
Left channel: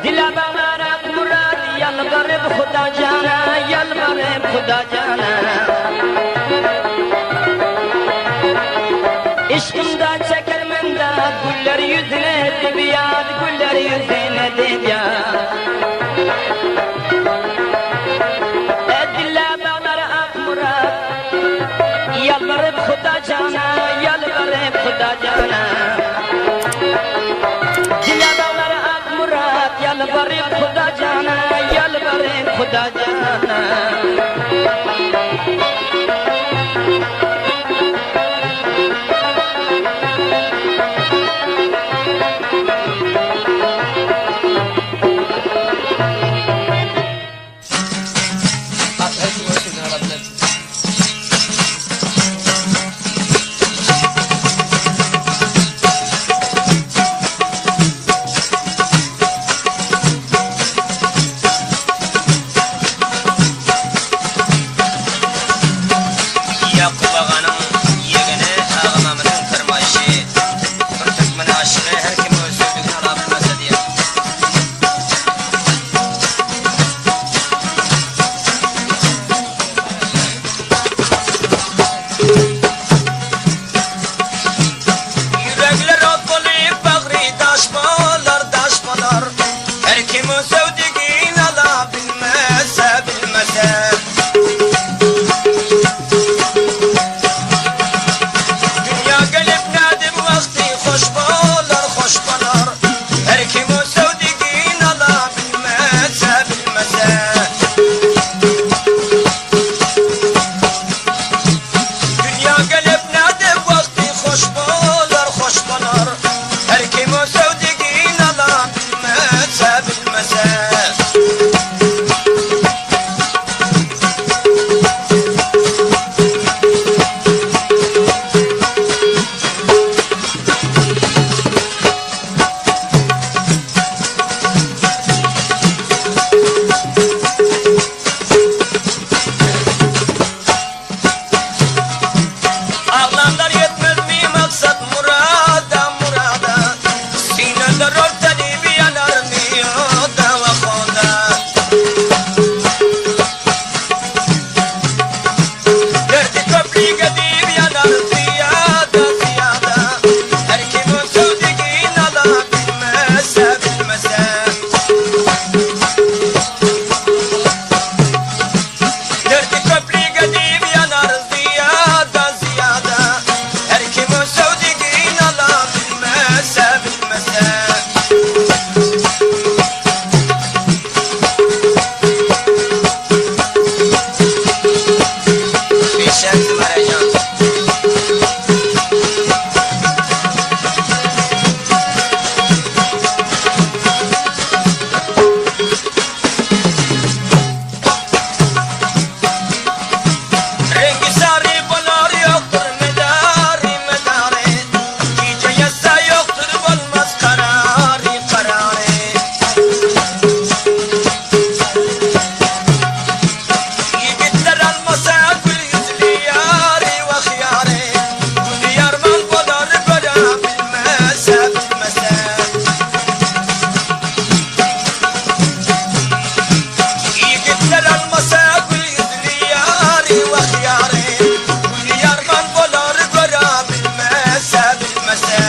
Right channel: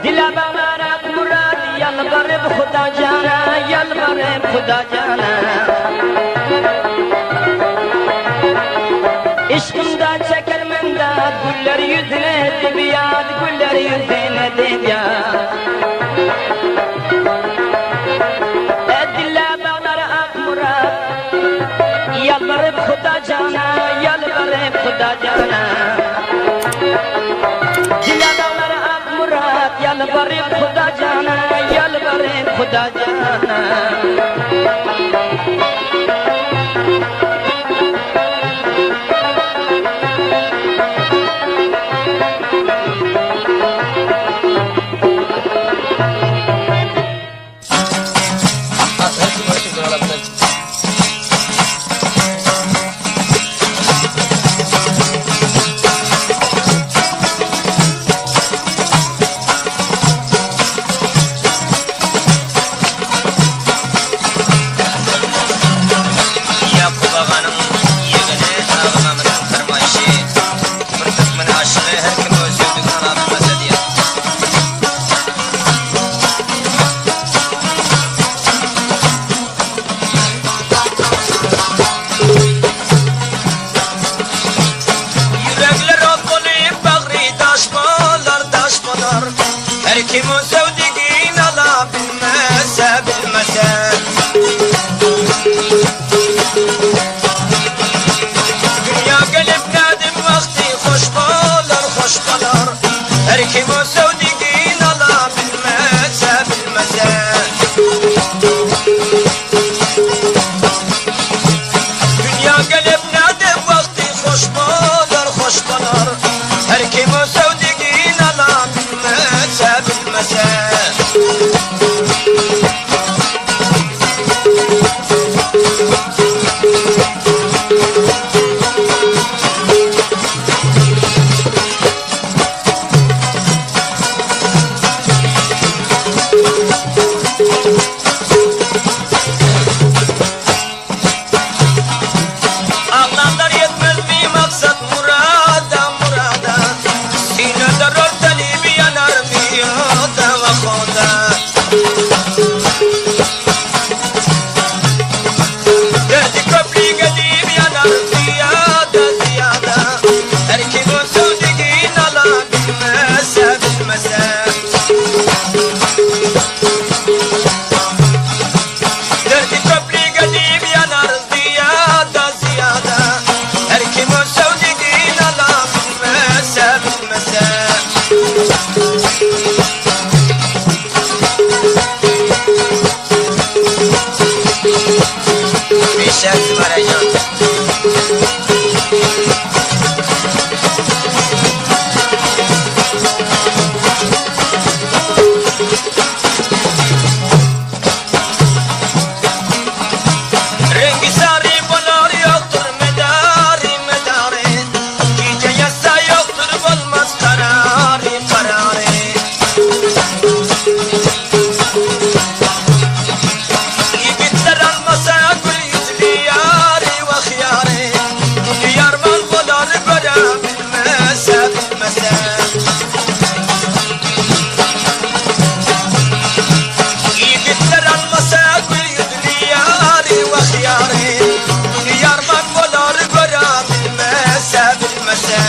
Dile bağırat murad, yalvarıp Huda cana, yalvarıp Huda cana. İşimde çekemem dar, güller yüzlü edebiyat, güller yüzlü edebiyat. Yalvarıp Huda cana, yalvarıp Huda cana. Cilalar ak murat, yalvarıp Huda cana, yalvarıp Huda cana. Yakup ağanın yegini ağamamının kırmayışı. Bir tıkmını aşkı her kim öz sözlüğünü alabilmezse diye. Yürekler atlayıp bağrı daş bağlar. Her kim öz sevdiğini alabilmezse bilmezse. Her kim o sevdiğini alabilmezse bilmezse. Dünya gelip nerede vakti hoş bağlar. Her kim o sevdiğini alabilmezse bilmezse. Ağlanlar yetmez mi maksat murada. Sineler örteli bir yanar mı yoda ve koda. Derdi köprü gedip yanar ziyada. Her kim o sevdiğini alabilmezse bilmezse. Derdi köprü gedip yanar ziyada. Her kim o sevdiğini alabilmezse bilmezse. Beşer Zümereycan. Rengi sarı bular yoktur medari. Gece yasa yoktur olmaz kararı. Yiğitler almasa gül yüzlü yari ve hıyari. Gül yarman bular görebilmezse bilmezse. Yiğitler almasa gül yüzlü yari ve hıyari. Gül yarman bular görebilmezse bilmezse.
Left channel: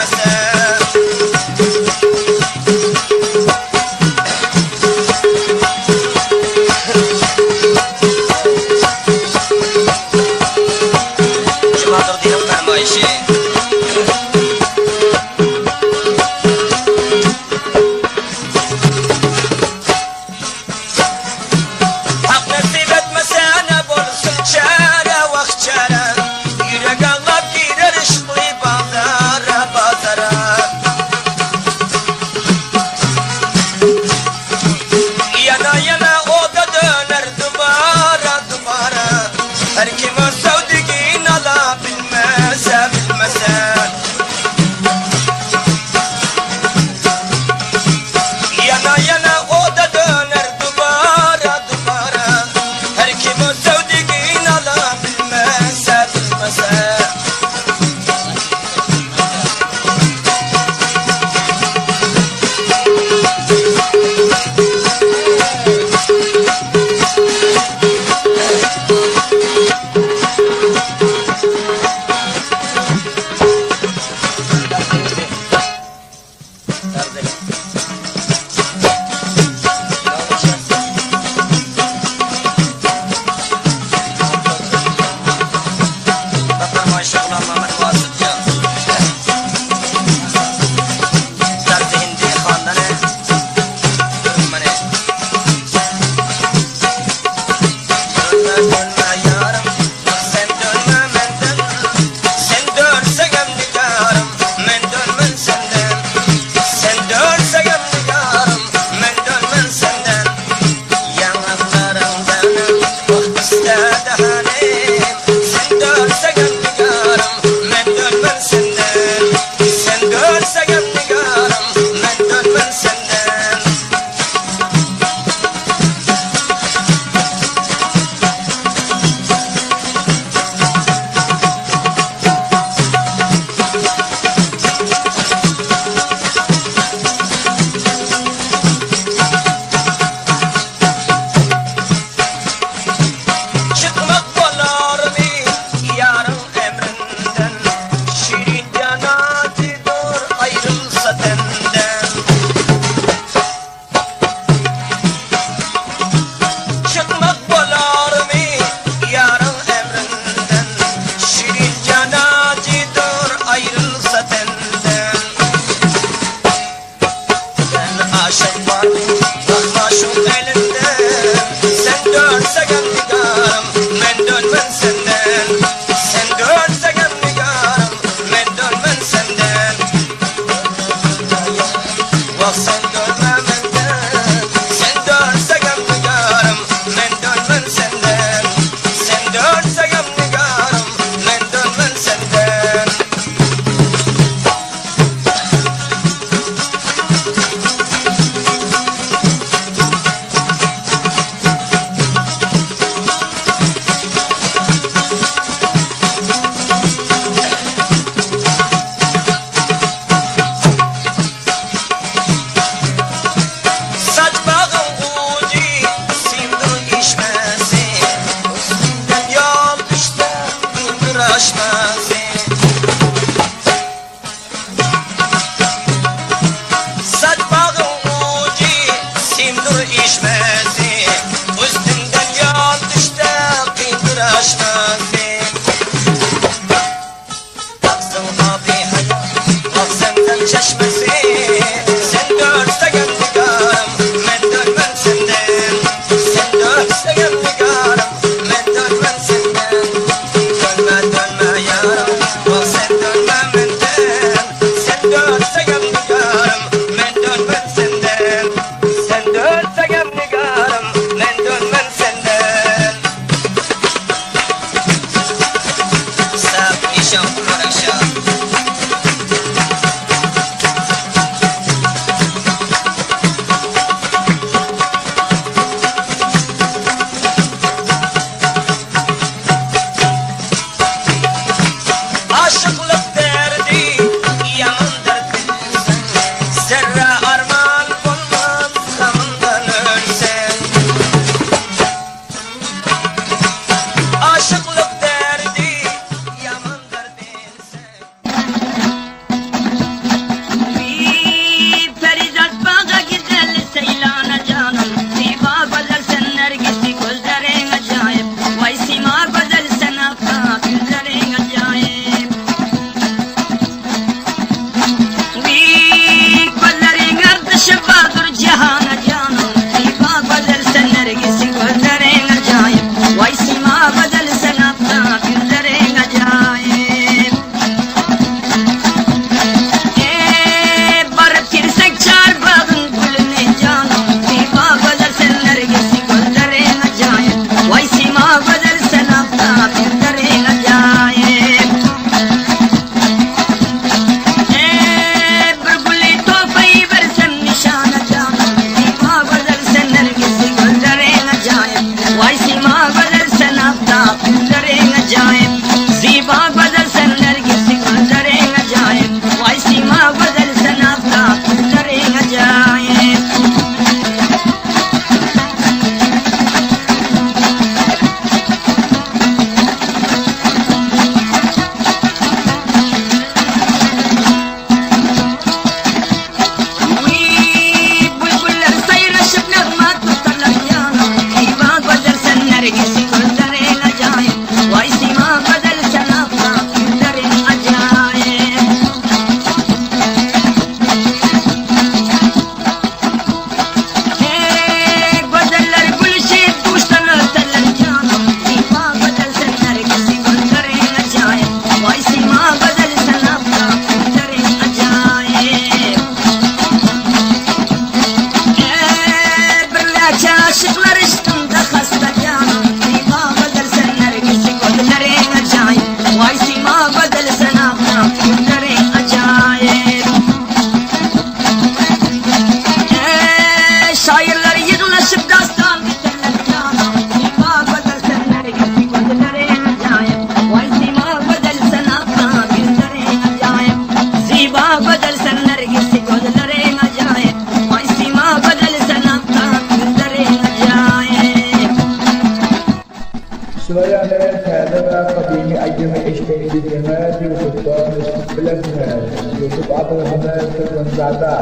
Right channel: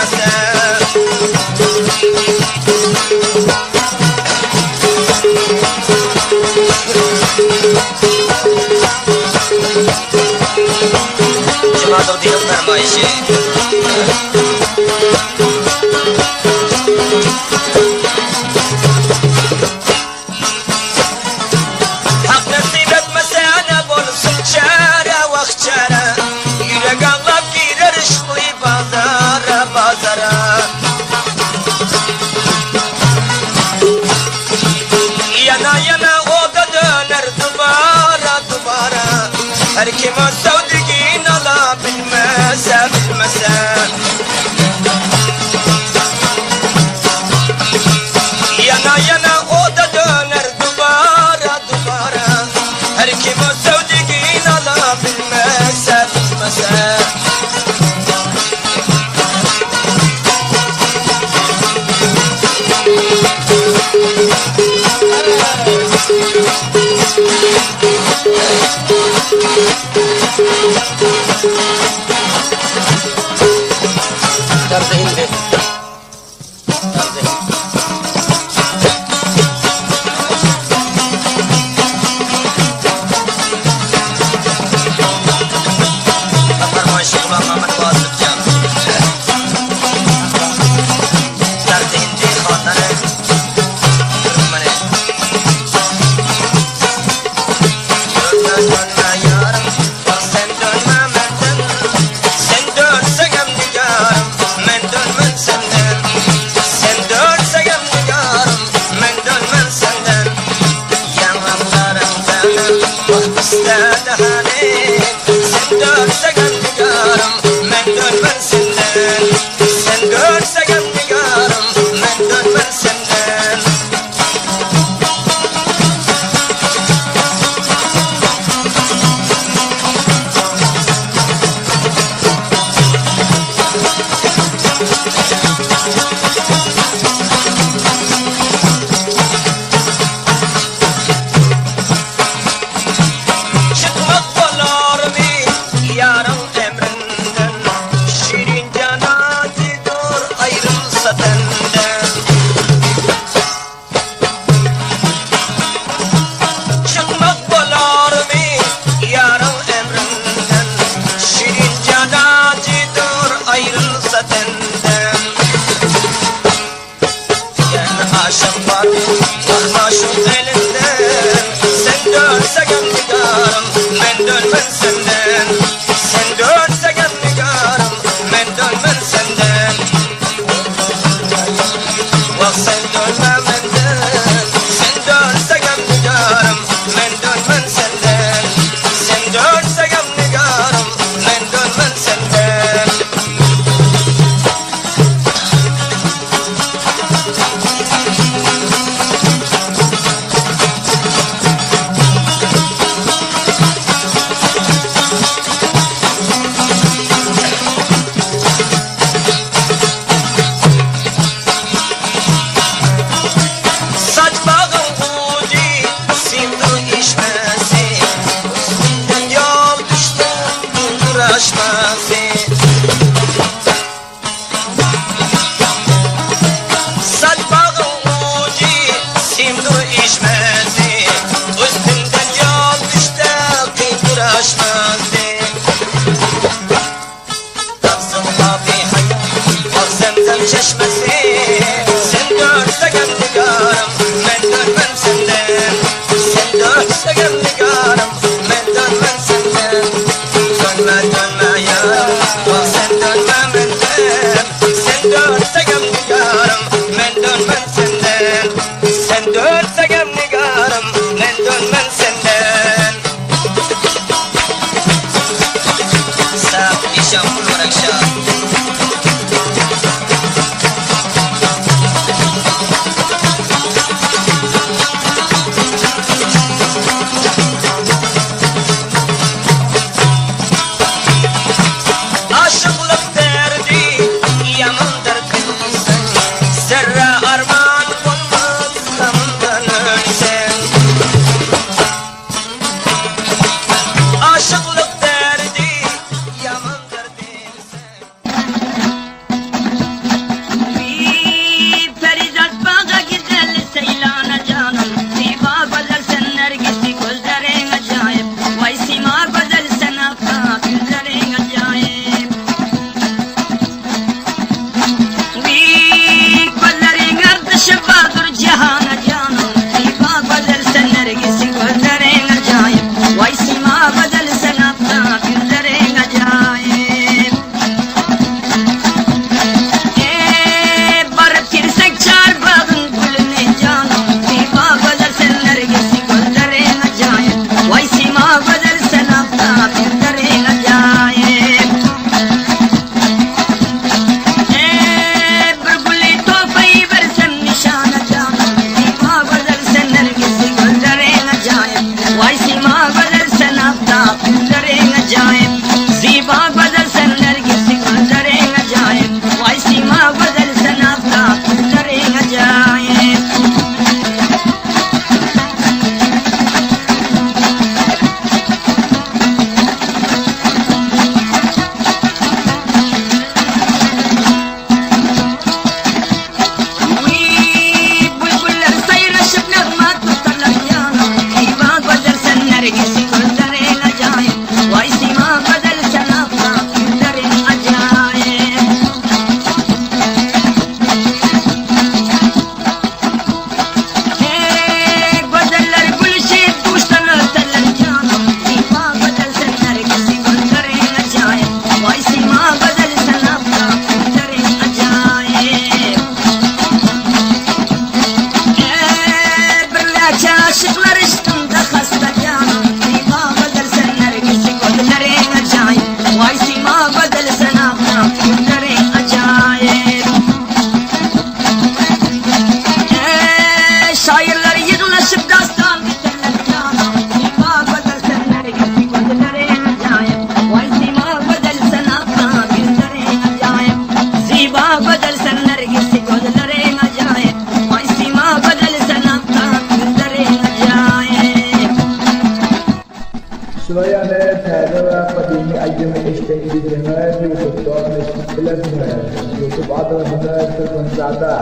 bilmese. Cumadır dinin fermayişi. Hak nasip etmese ne bulsun çare vak çare. Yürek anlap gider işli pazara pazara. Yana yana o da döner duvara duvara. Her kim o sevdiğin ala bilmese bilmese. Yana yana o da döner duvara duvara. Her kim o sevdiğin ala bilmese bilmese. Aşık var, vah maşuk elinden. Sen dönse nigarım, men dönmen senden. Sen dönse nigarım, men dönmen senden. Vah sen dönme menden. Sen dönse nigarım, men dönmen senden. Sen dönse nigarım, men dönmen senden. Saç bağın uci, sindir içmesi. Üstünden yol düştü, dindir aşması. Saç bağın uci, sindir içmesi. Üstünden yol düştü, dindir aşması. Taksın abi hayat, bak zemzem çeşmesi. Sen görsen nigarım, men dönmem senden. Sen görsen nigarım, men dönmem senden. Dönme dönme yarım, bak sen dönme menden. Sen görsen nigarım, men dönmem senden. Sen görsen nigarım, men dönmem senden. Sap işam olarak şah. Aşıklık derdi yamandır bilsen. Zerre arman bulmaz gamından ölsen. Aşıklık derdi yamandır bilsen. YouTube adresini Türkmenizade.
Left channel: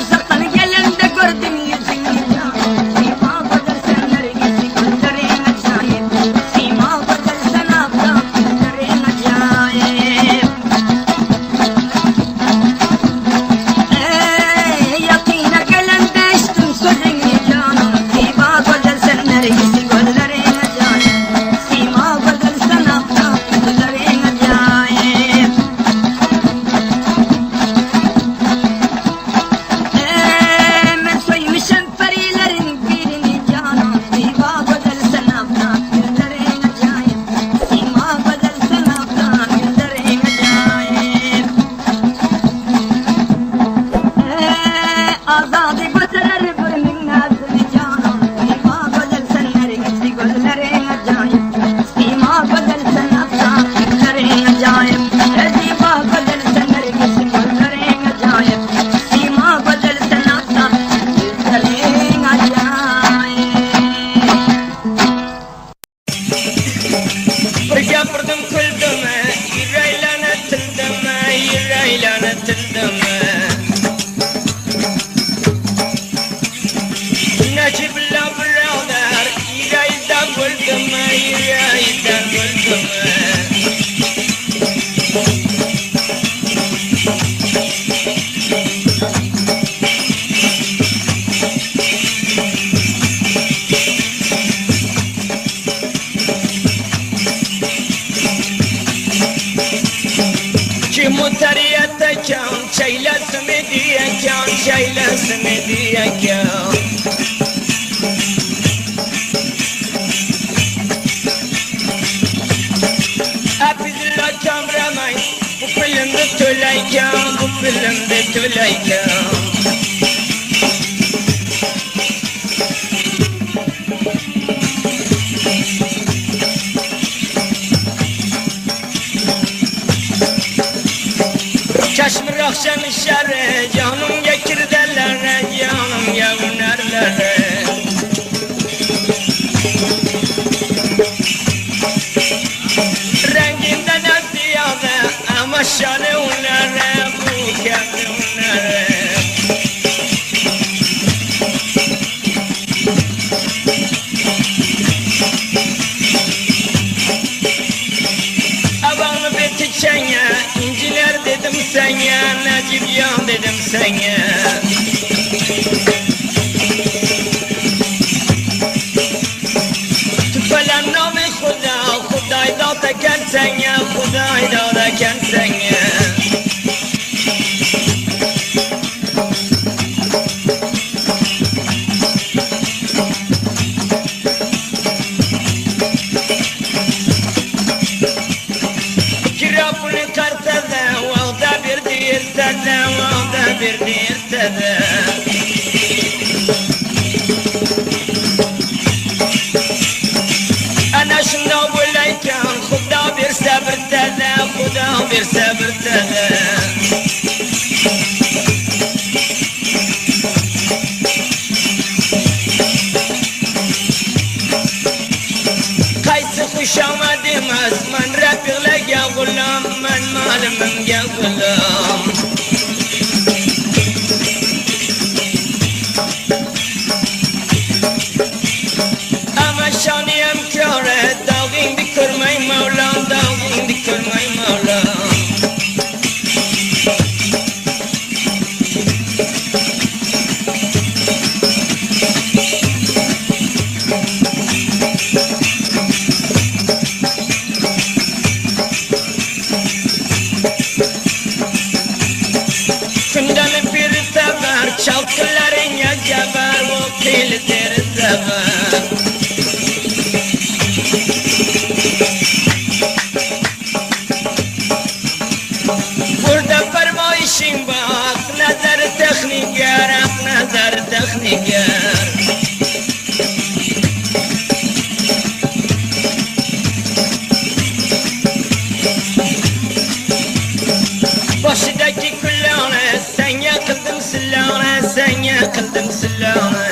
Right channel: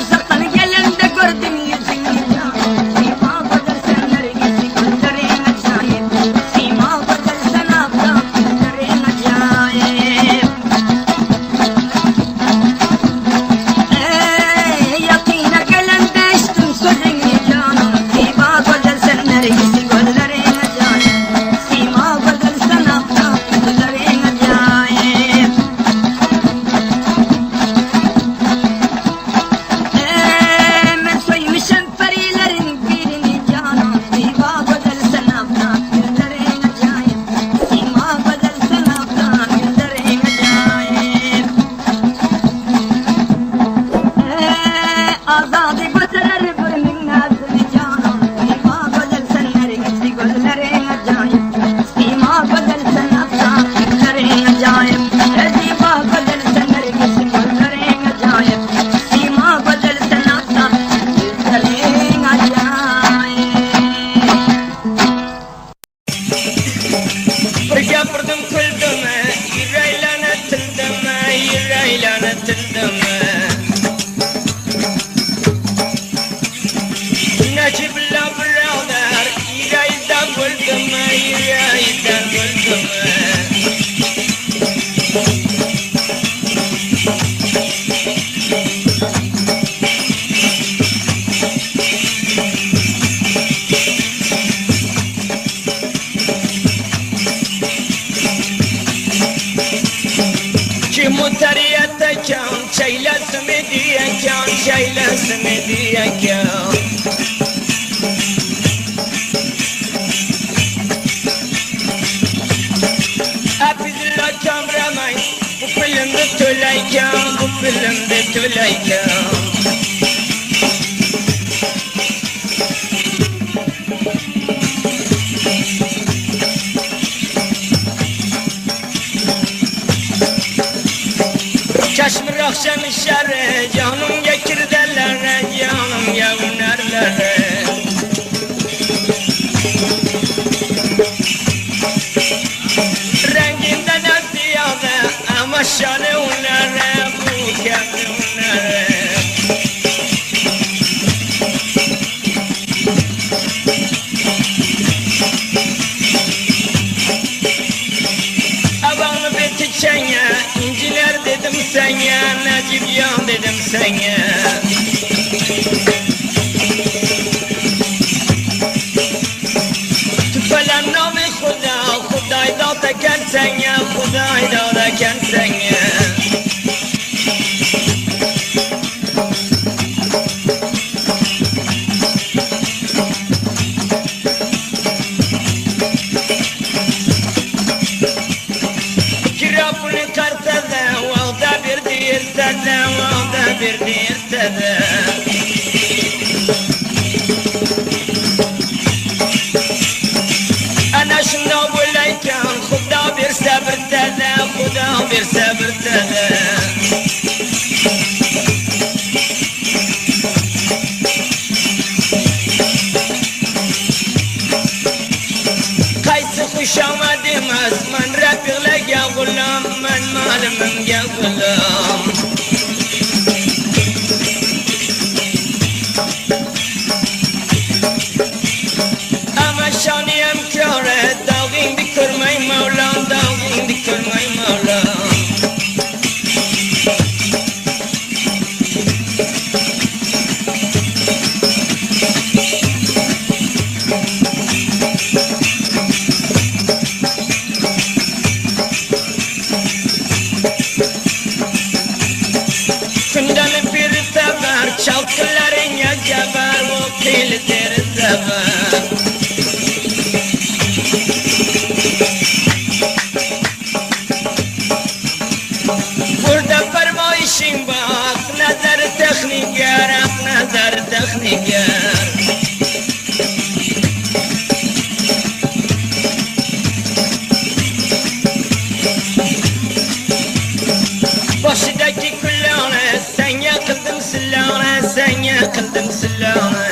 Uzaktan gelen de gördüm yüzünü Sima kadar senler gizi gözlerin acayip Sima kadar sen abla gözlerin acayip Yakına gelen de içtim sözünü canım Sima kadar senler gizi gözlerin acayip Sima kadar sen abla gözlerin acayip Ben soymuşum perilerin birini canım Sima kadar sen abla gözlerin acayip Sima kadar sen abla gözlerin acayip Azadi götürür bölümün nazını canım Sima kadar senler gitti gözlerin acayip Sima kadar sen abla gözlerin acayip Sima kadar senler gitti gözlerin acayip Sima kadar sen abla gözlerin acayip Gapırdım küldüme, yüreğlerine tildime, yüreğlerine tildime. Necib'le birader, yüreğden buldum, yüreğden buldum. Kim utariyete kan, çeylesim diye kan, çeylesim diye kan. Hepizle kameraman, bu filmde tüleyken, bu filmde tüleyken. Çeşmi akşam işarı, canım gekirdelere, canım yavnerlere. Renginden ziyade ama şanı onlara, bu kendi onlara. Abanı beti çenge, inciler dedim sana, Necip yan dedim sana. Tüpelen nami Khuda, Khuday da teken sana, Khuday da teken sana. Kirapını kartada, vağda bir dirtada, vağda bir dirtada. Ana şunda böyleyken, Khuda bir sabır tada, Khuda bir sabır tada. Kaysı kuşama demez, man rapirle gel gulam, man malımım gel gulam. Ama şaniyem köre, dağın dikirmey Mevlam, dağın dikirmey Mevlam. Kündanı bir sever, çalkıların ya geber, bu kilitleri sever. Burada fermayışın bak, nazar tekniker, nazar tekniker. Başıdaki kullane, sen yakıldım sillane, sen yakıldım sillane.